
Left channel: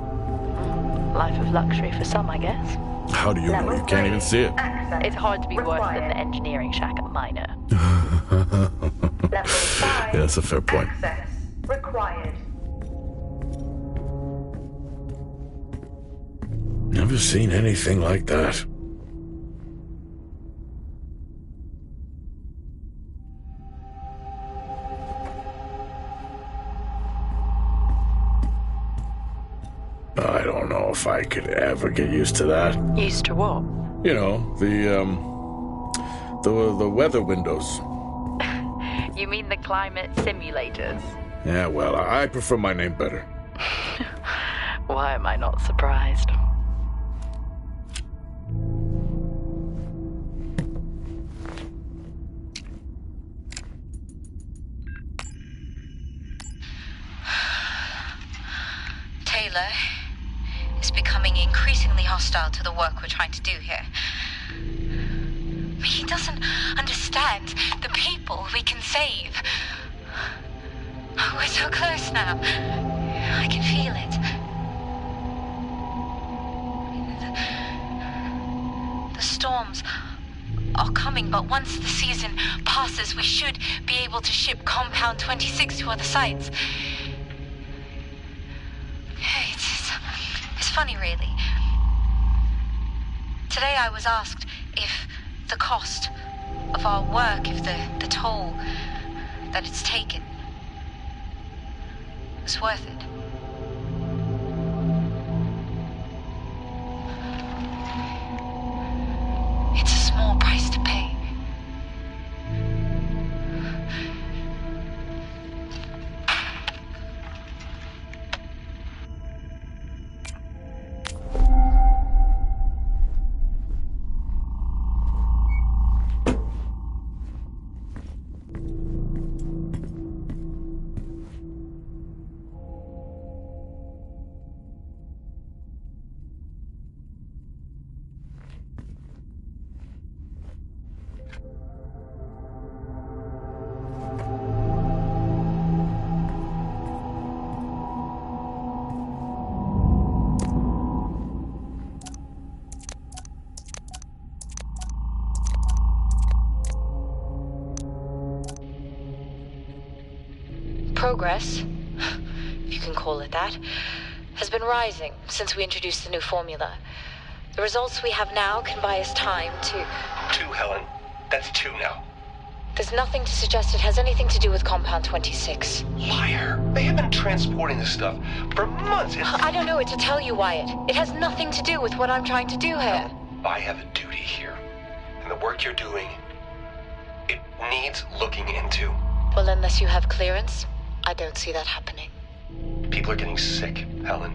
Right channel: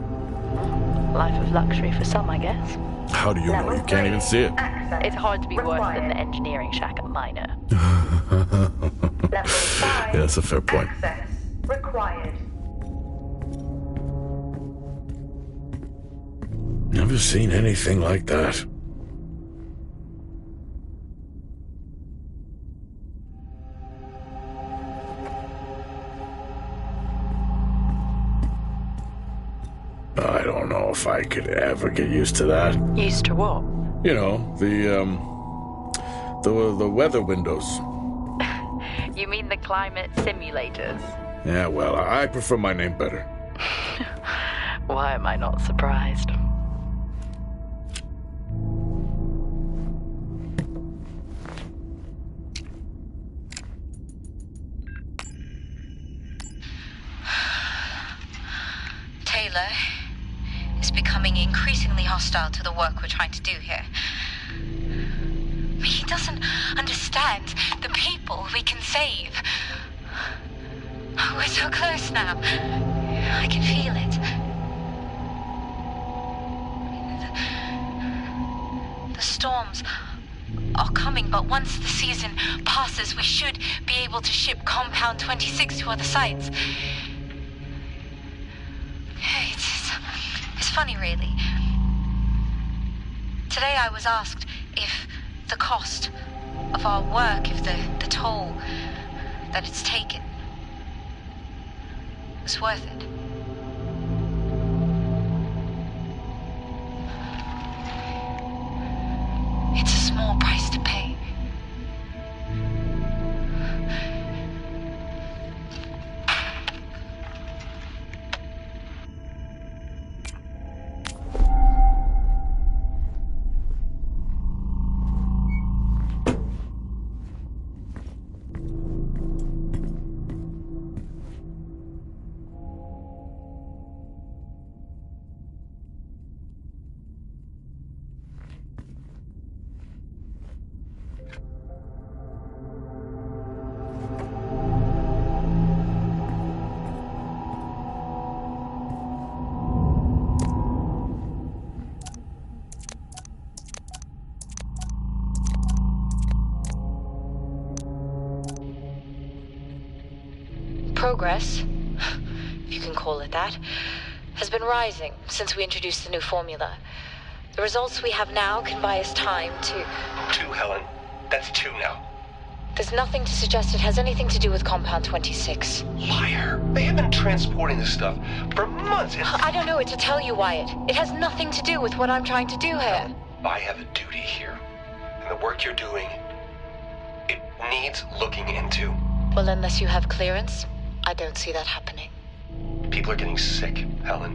Life of luxury for some, I guess. How do you know? You can't even see it. It's hard to be worse than the engineering shack at Minor. Level 5, Yeah, that's a fair point. access required. Never seen anything like that. I don't know if I could ever get used to that. Used to what? You know, the weather windows. You mean the climate simulators? Yeah, well, I prefer my name better. Why am I not surprised? Taylor is becoming increasingly hostile to the work we're trying to do here. He doesn't understand the people we can save. We're so close now. I can feel it. The storms are coming, but once the season passes, we should be able to ship Compound 26 to other sites. It's funny, really. Today I was asked if the cost of our work, if the toll that it's taken was worth it. It's a small price to pay. progress, if you can call it that, has been rising since we introduced the new formula. The results we have now can buy us time to... 2, Helen. That's 2 now. There's nothing to suggest it has anything to do with Compound 26. Liar. They have been transporting this stuff for months. I don't know what to tell you, Wyatt. It has nothing to do with what I'm trying to do here. I have a duty here. And the work you're doing, it needs looking into. Well, unless you have clearance, I don't see that happening. People are getting sick, Helen.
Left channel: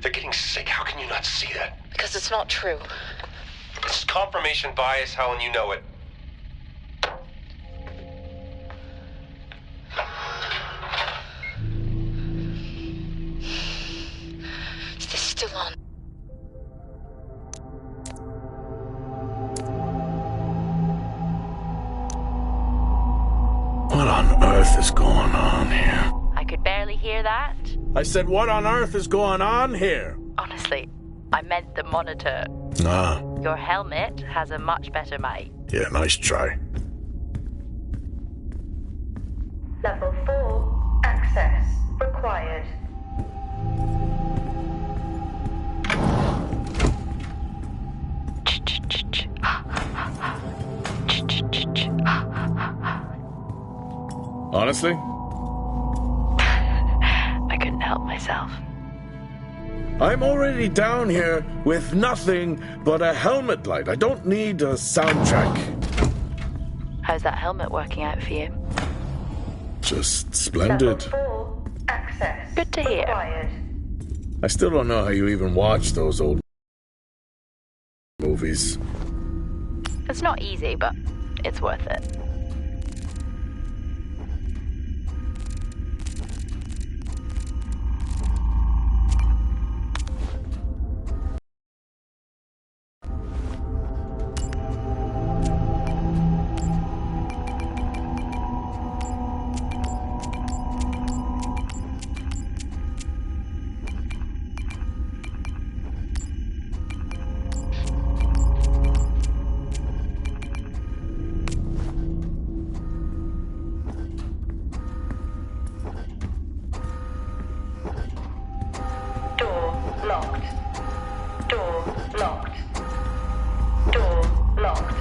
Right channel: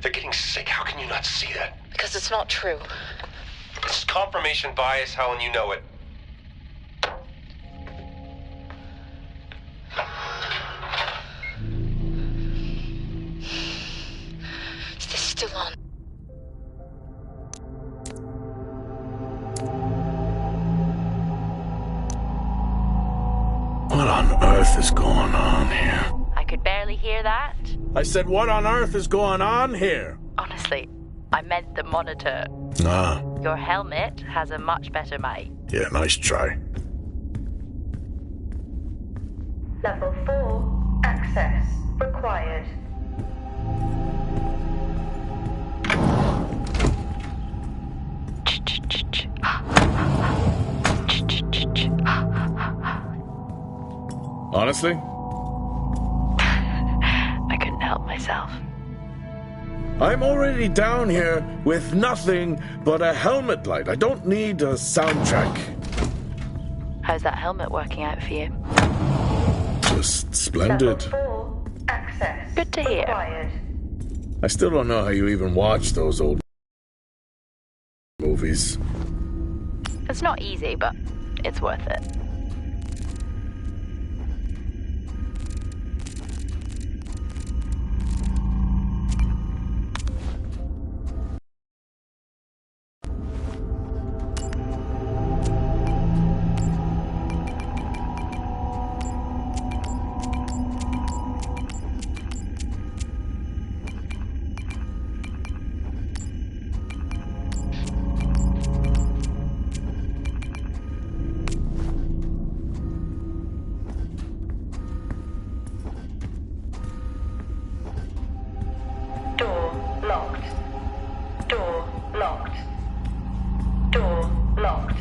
They're getting sick. How can you not see that? Because it's not true. It's confirmation bias, Helen. You know it. Is this still on? What on earth is going on here? I could barely hear that. I said, what on earth is going on here? Honestly, I meant the monitor. Ah, Your helmet has a much better mic. yeah, nice try. Level 4, access required. Honestly? I couldn't help myself. I'm already down here with nothing but a helmet light. I don't need a soundtrack. How's that helmet working out for you? Just Level splendid. 4, access Good to hear. required. I still don't know how you even watch those old movies. It's not easy, but it's worth it. Door locked. Door locked. Door locked.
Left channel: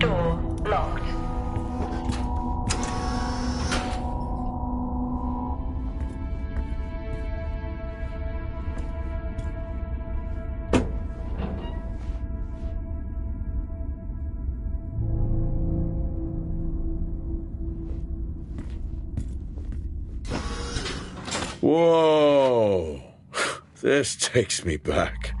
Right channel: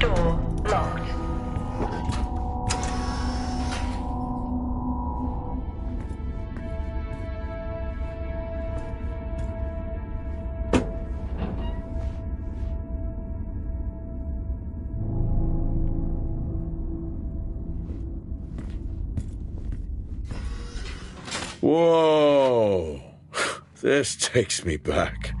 Door locked. Whoa! This takes me back.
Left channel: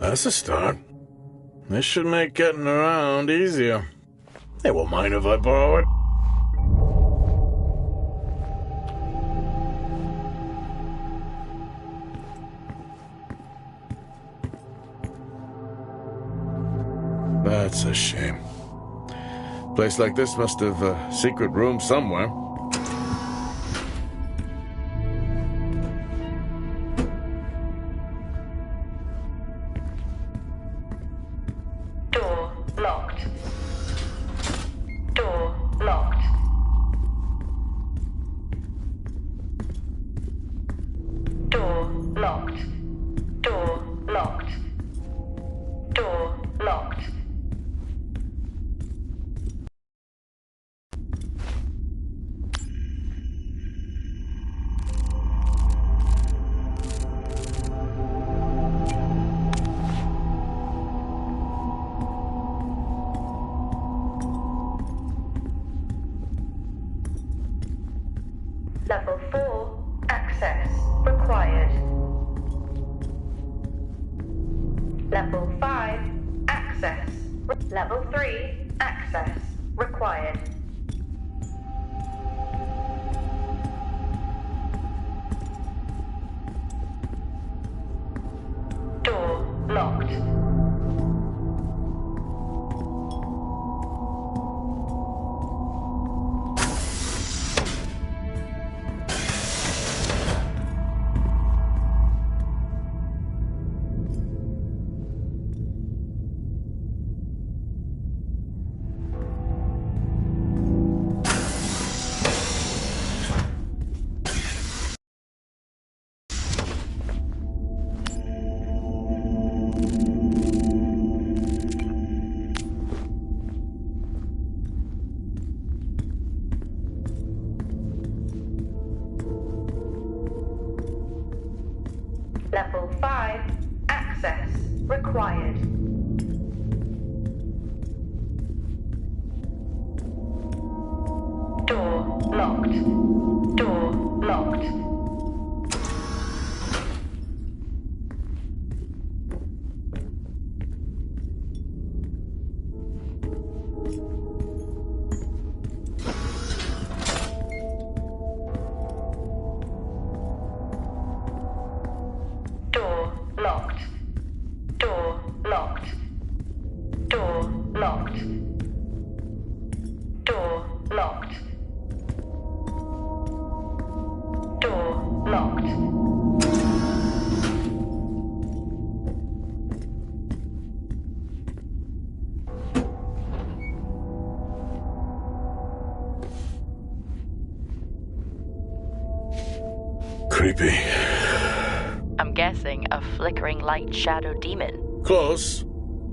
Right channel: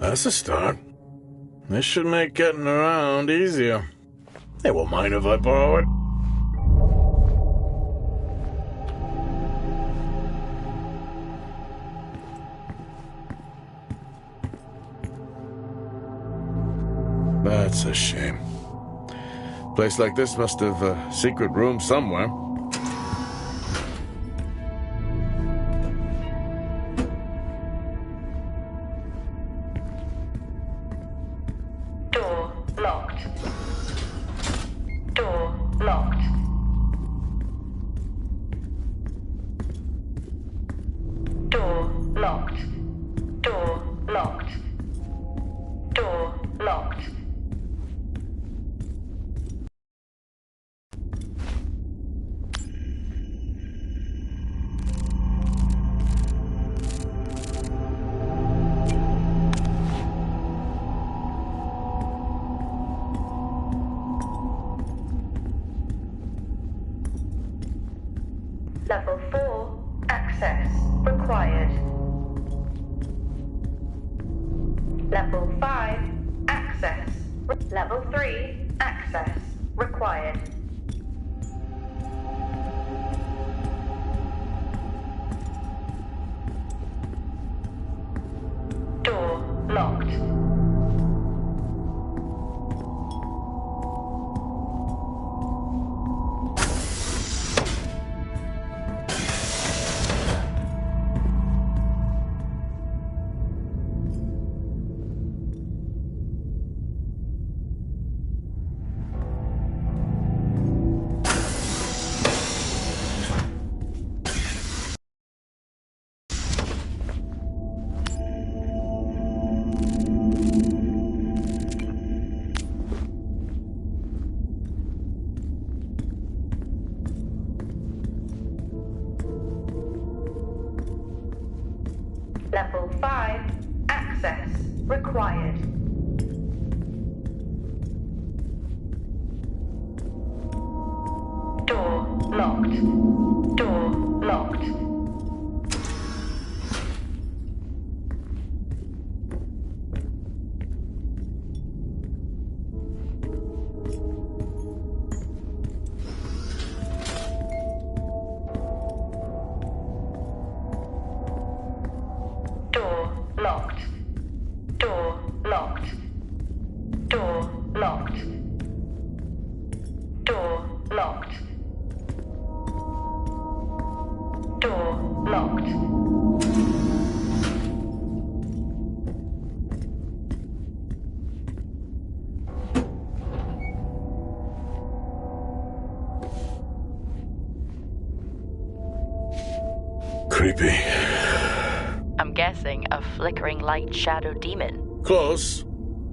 That's a start. This should make getting around easier. They won't mind if I borrow it. That's a shame. Place like this must have a secret room somewhere. Door locked. Door locked. Door locked. Door locked. Door locked. Level 4, access required. Level 5, access. Level 3, access required. locked. Level 5, access required. Door locked. Door locked. Door locked. Door locked. Door locked. Door locked. Door locked. Creepy. I'm guessing a flickering light shadow demon. Close.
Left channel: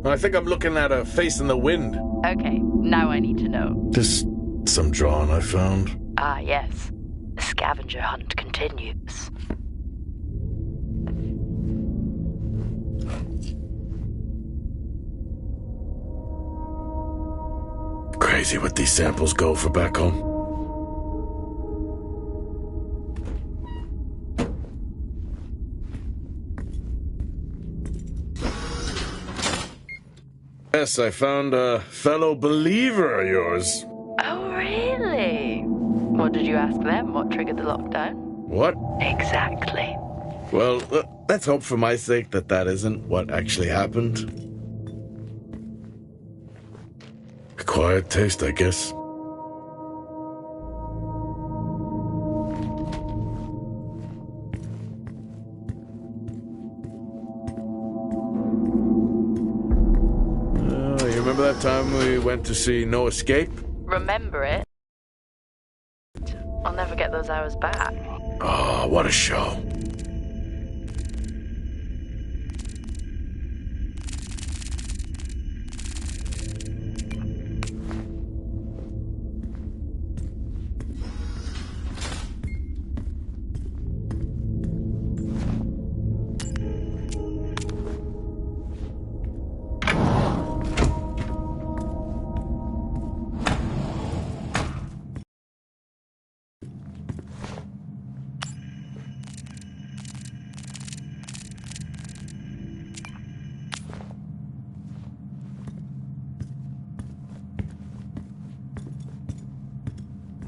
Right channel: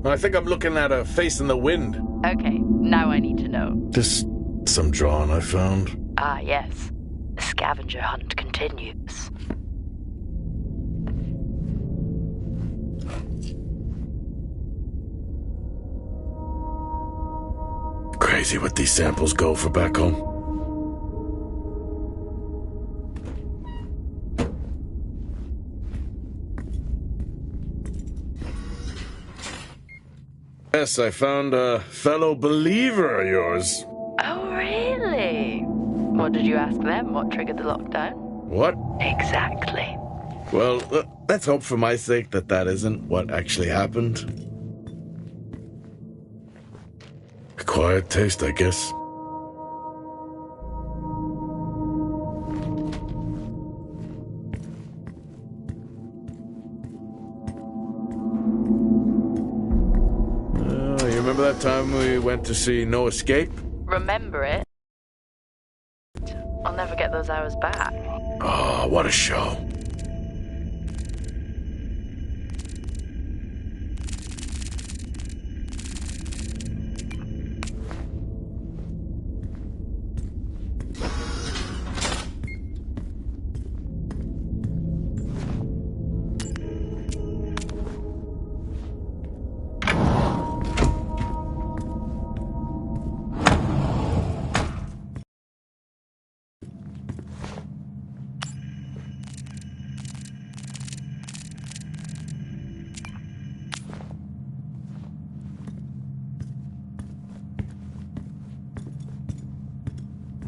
I think I'm looking at a face in the wind. Okay, now I need to know. Just some drawing I found. Ah, yes. The scavenger hunt continues. Crazy what these samples go for back home. Yes, I found a fellow believer of yours. Oh, really? What did you ask them? What triggered the lockdown? What? Exactly. Well, let's hope for my sake that that isn't what actually happened. Acquired taste, I guess. You remember that time we went to see No Escape? Remember it? I'll never get those hours back. Oh, what a show.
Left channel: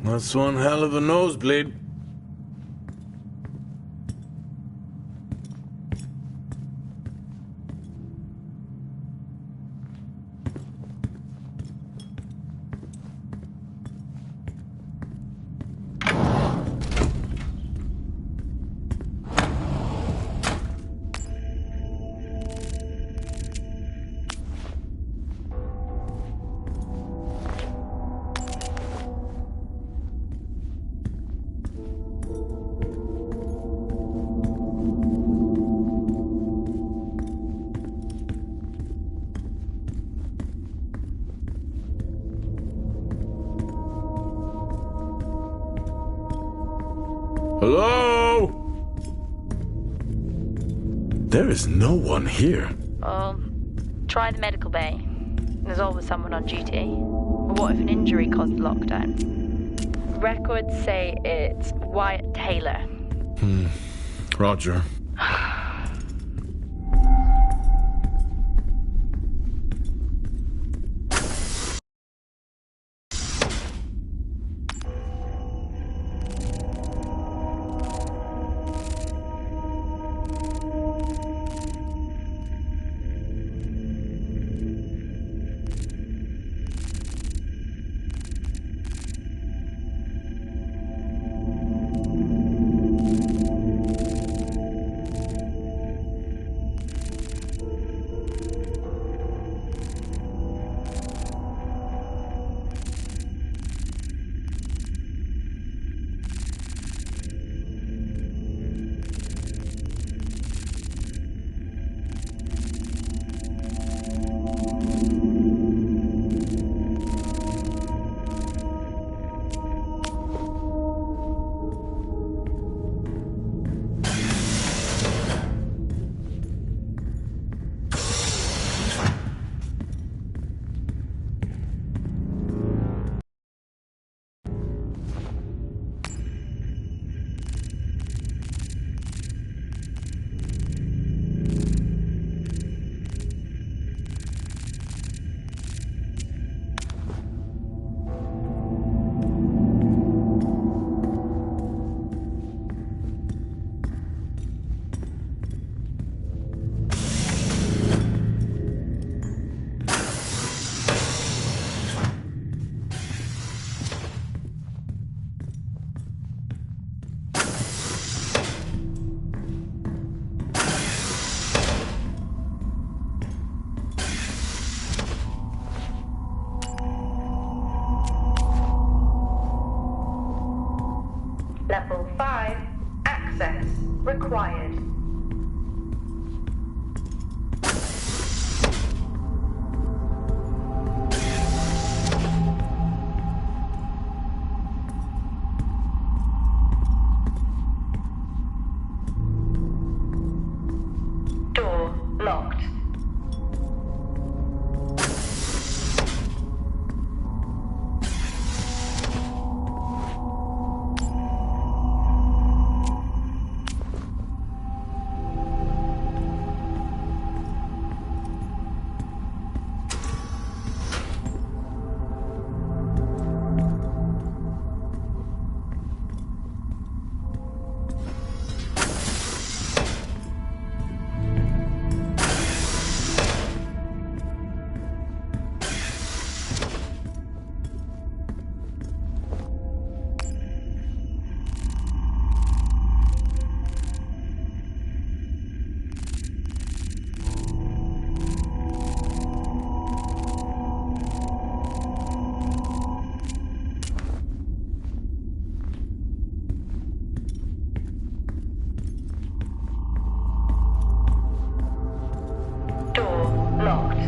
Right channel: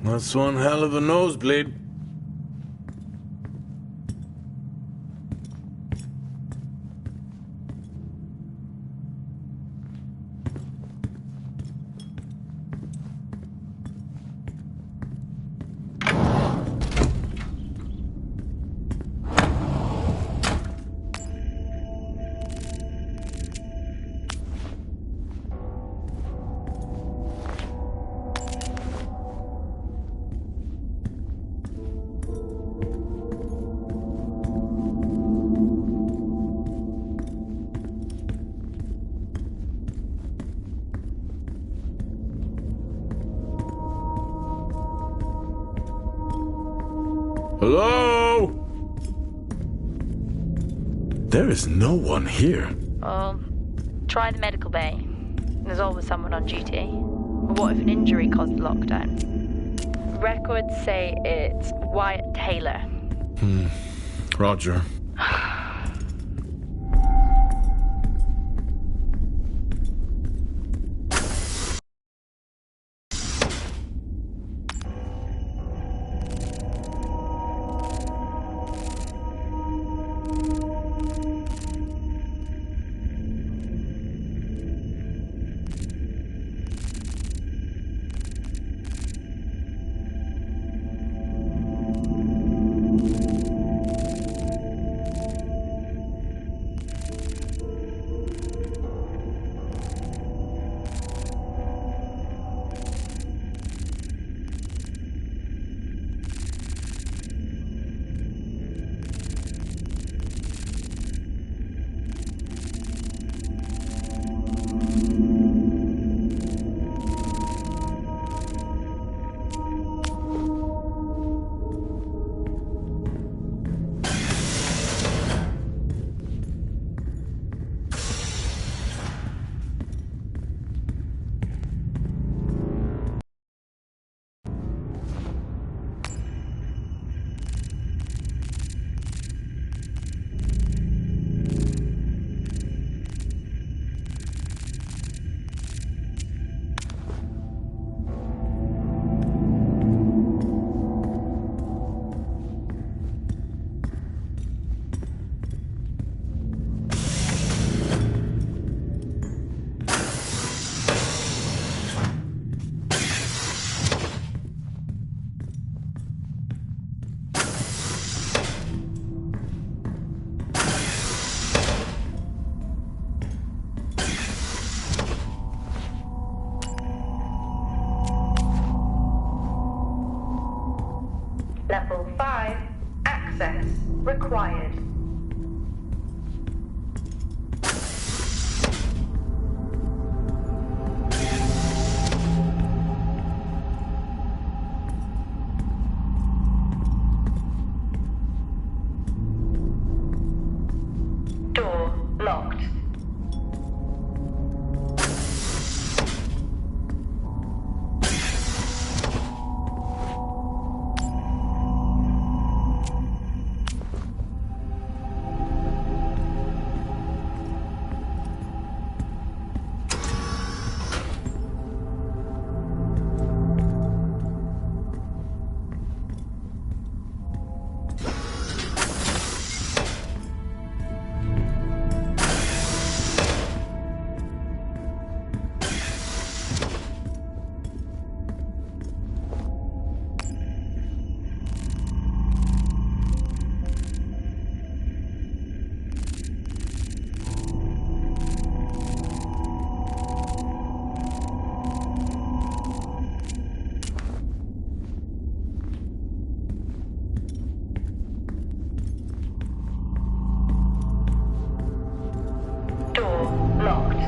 That's one hell of a nosebleed. Hello? There is no one here. Try the medical bay. There's always someone on duty. What if an injury caused the lockdown? Records say it's Wyatt Taylor. Roger. Level 5. Access required. Door locked. Door locked.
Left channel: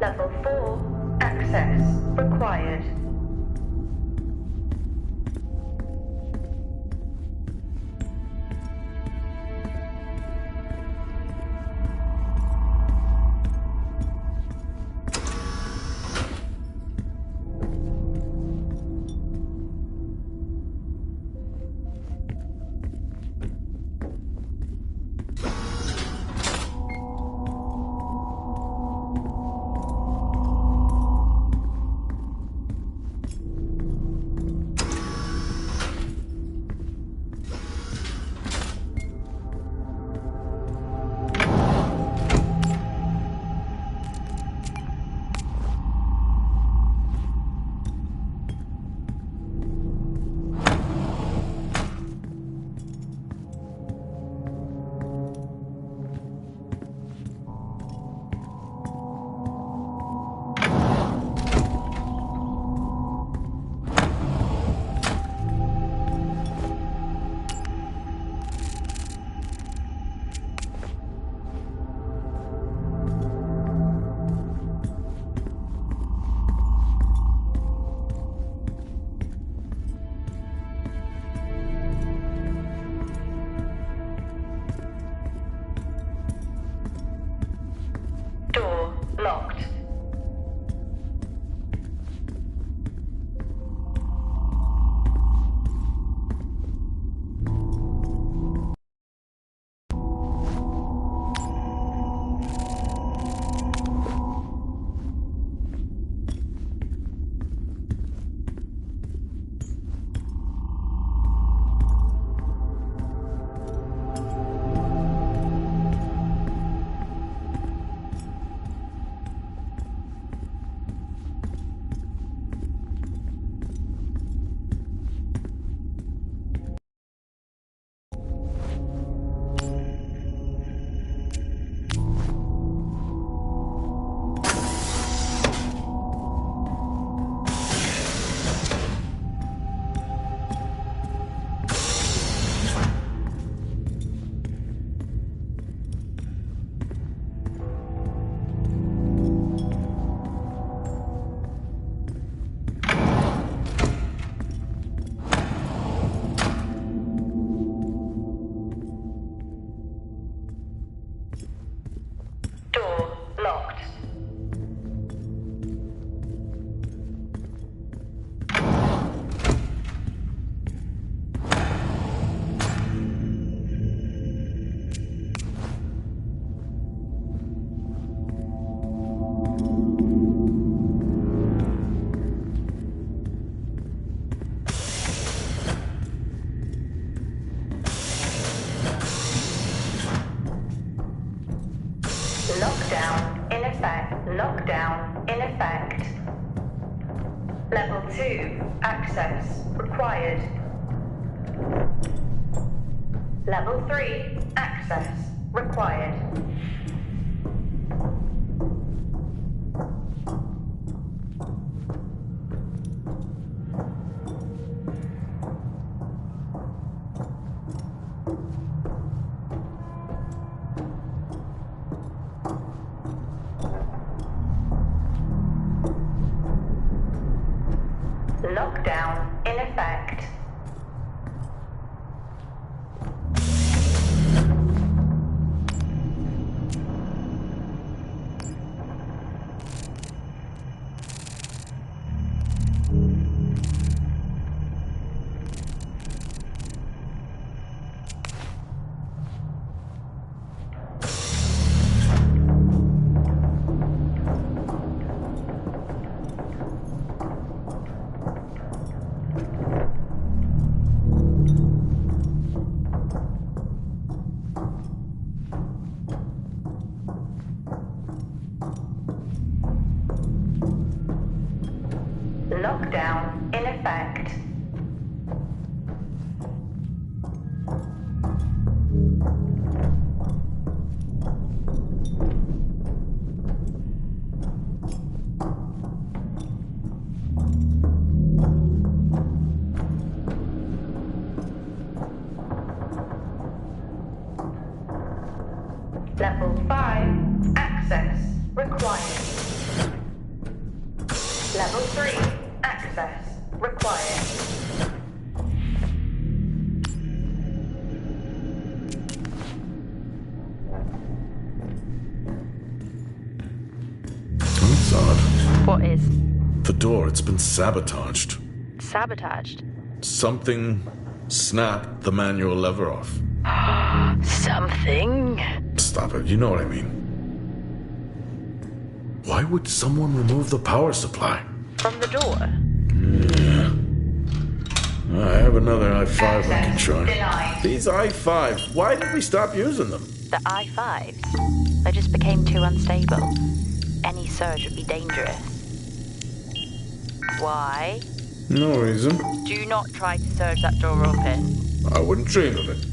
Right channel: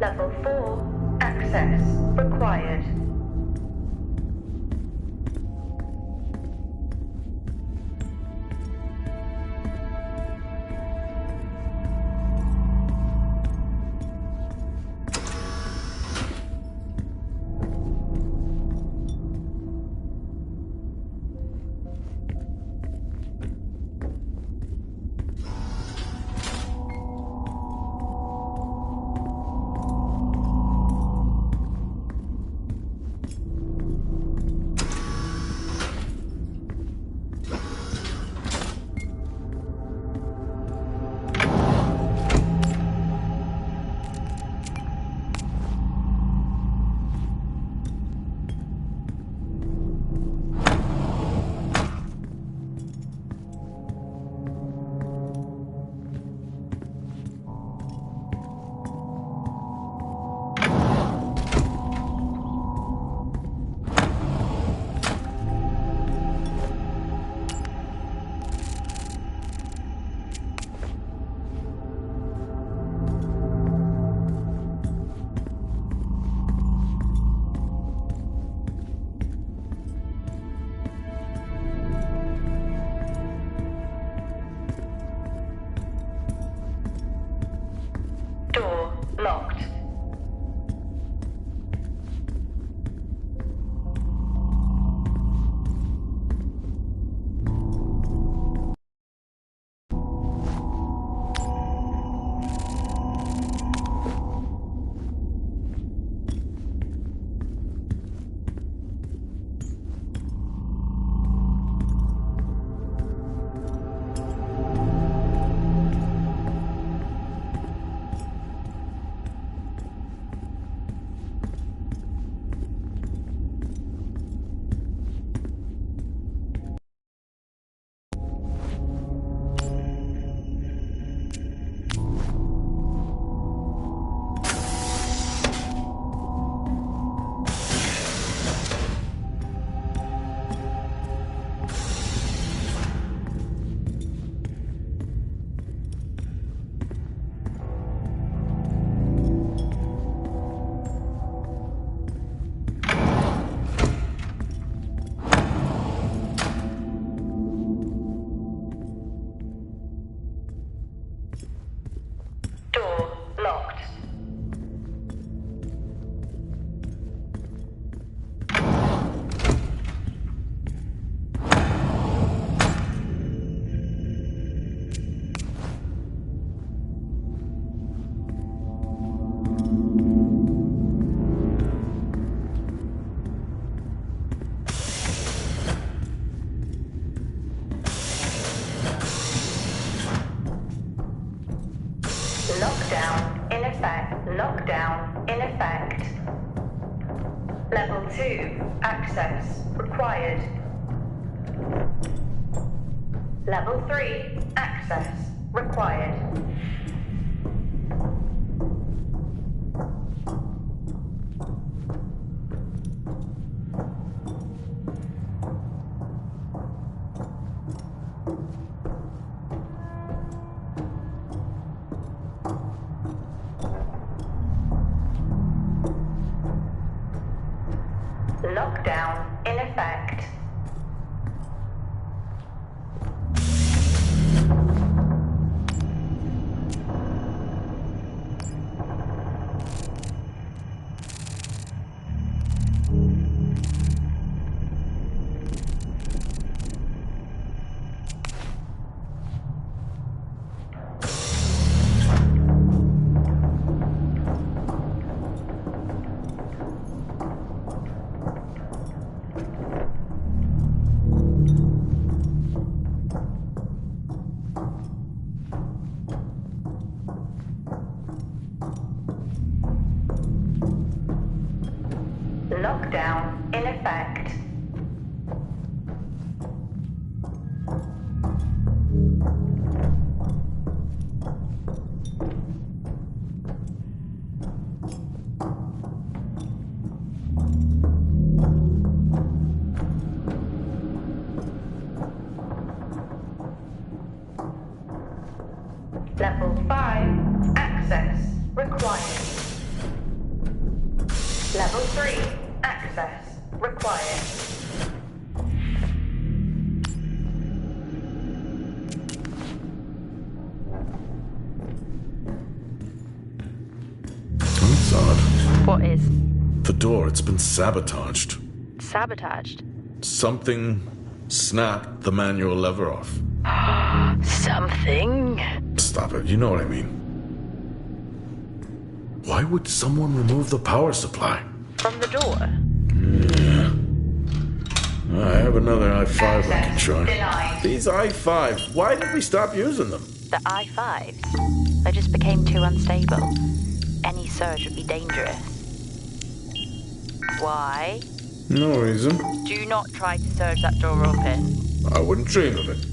Level 4. Access required. Lockdown in effect. Level 2 access required. Level 3 access required. Lockdown in effect. Lockdown in effect. Level 5 access required. Level 3 access required. That's odd. What is? The door, it's been sabotaged. Sabotaged? Something snapped the manual lever off. Something? Stop it, you know what I mean. Why would someone remove the power supply? From the door? Yeah. I have another i5 I can Access try. denied. These i5s, why did we stop using them? The I-5s? They just became too unstable. Any surge would be dangerous. Why? No reason. Do not try to surge that door open. I wouldn't dream of it.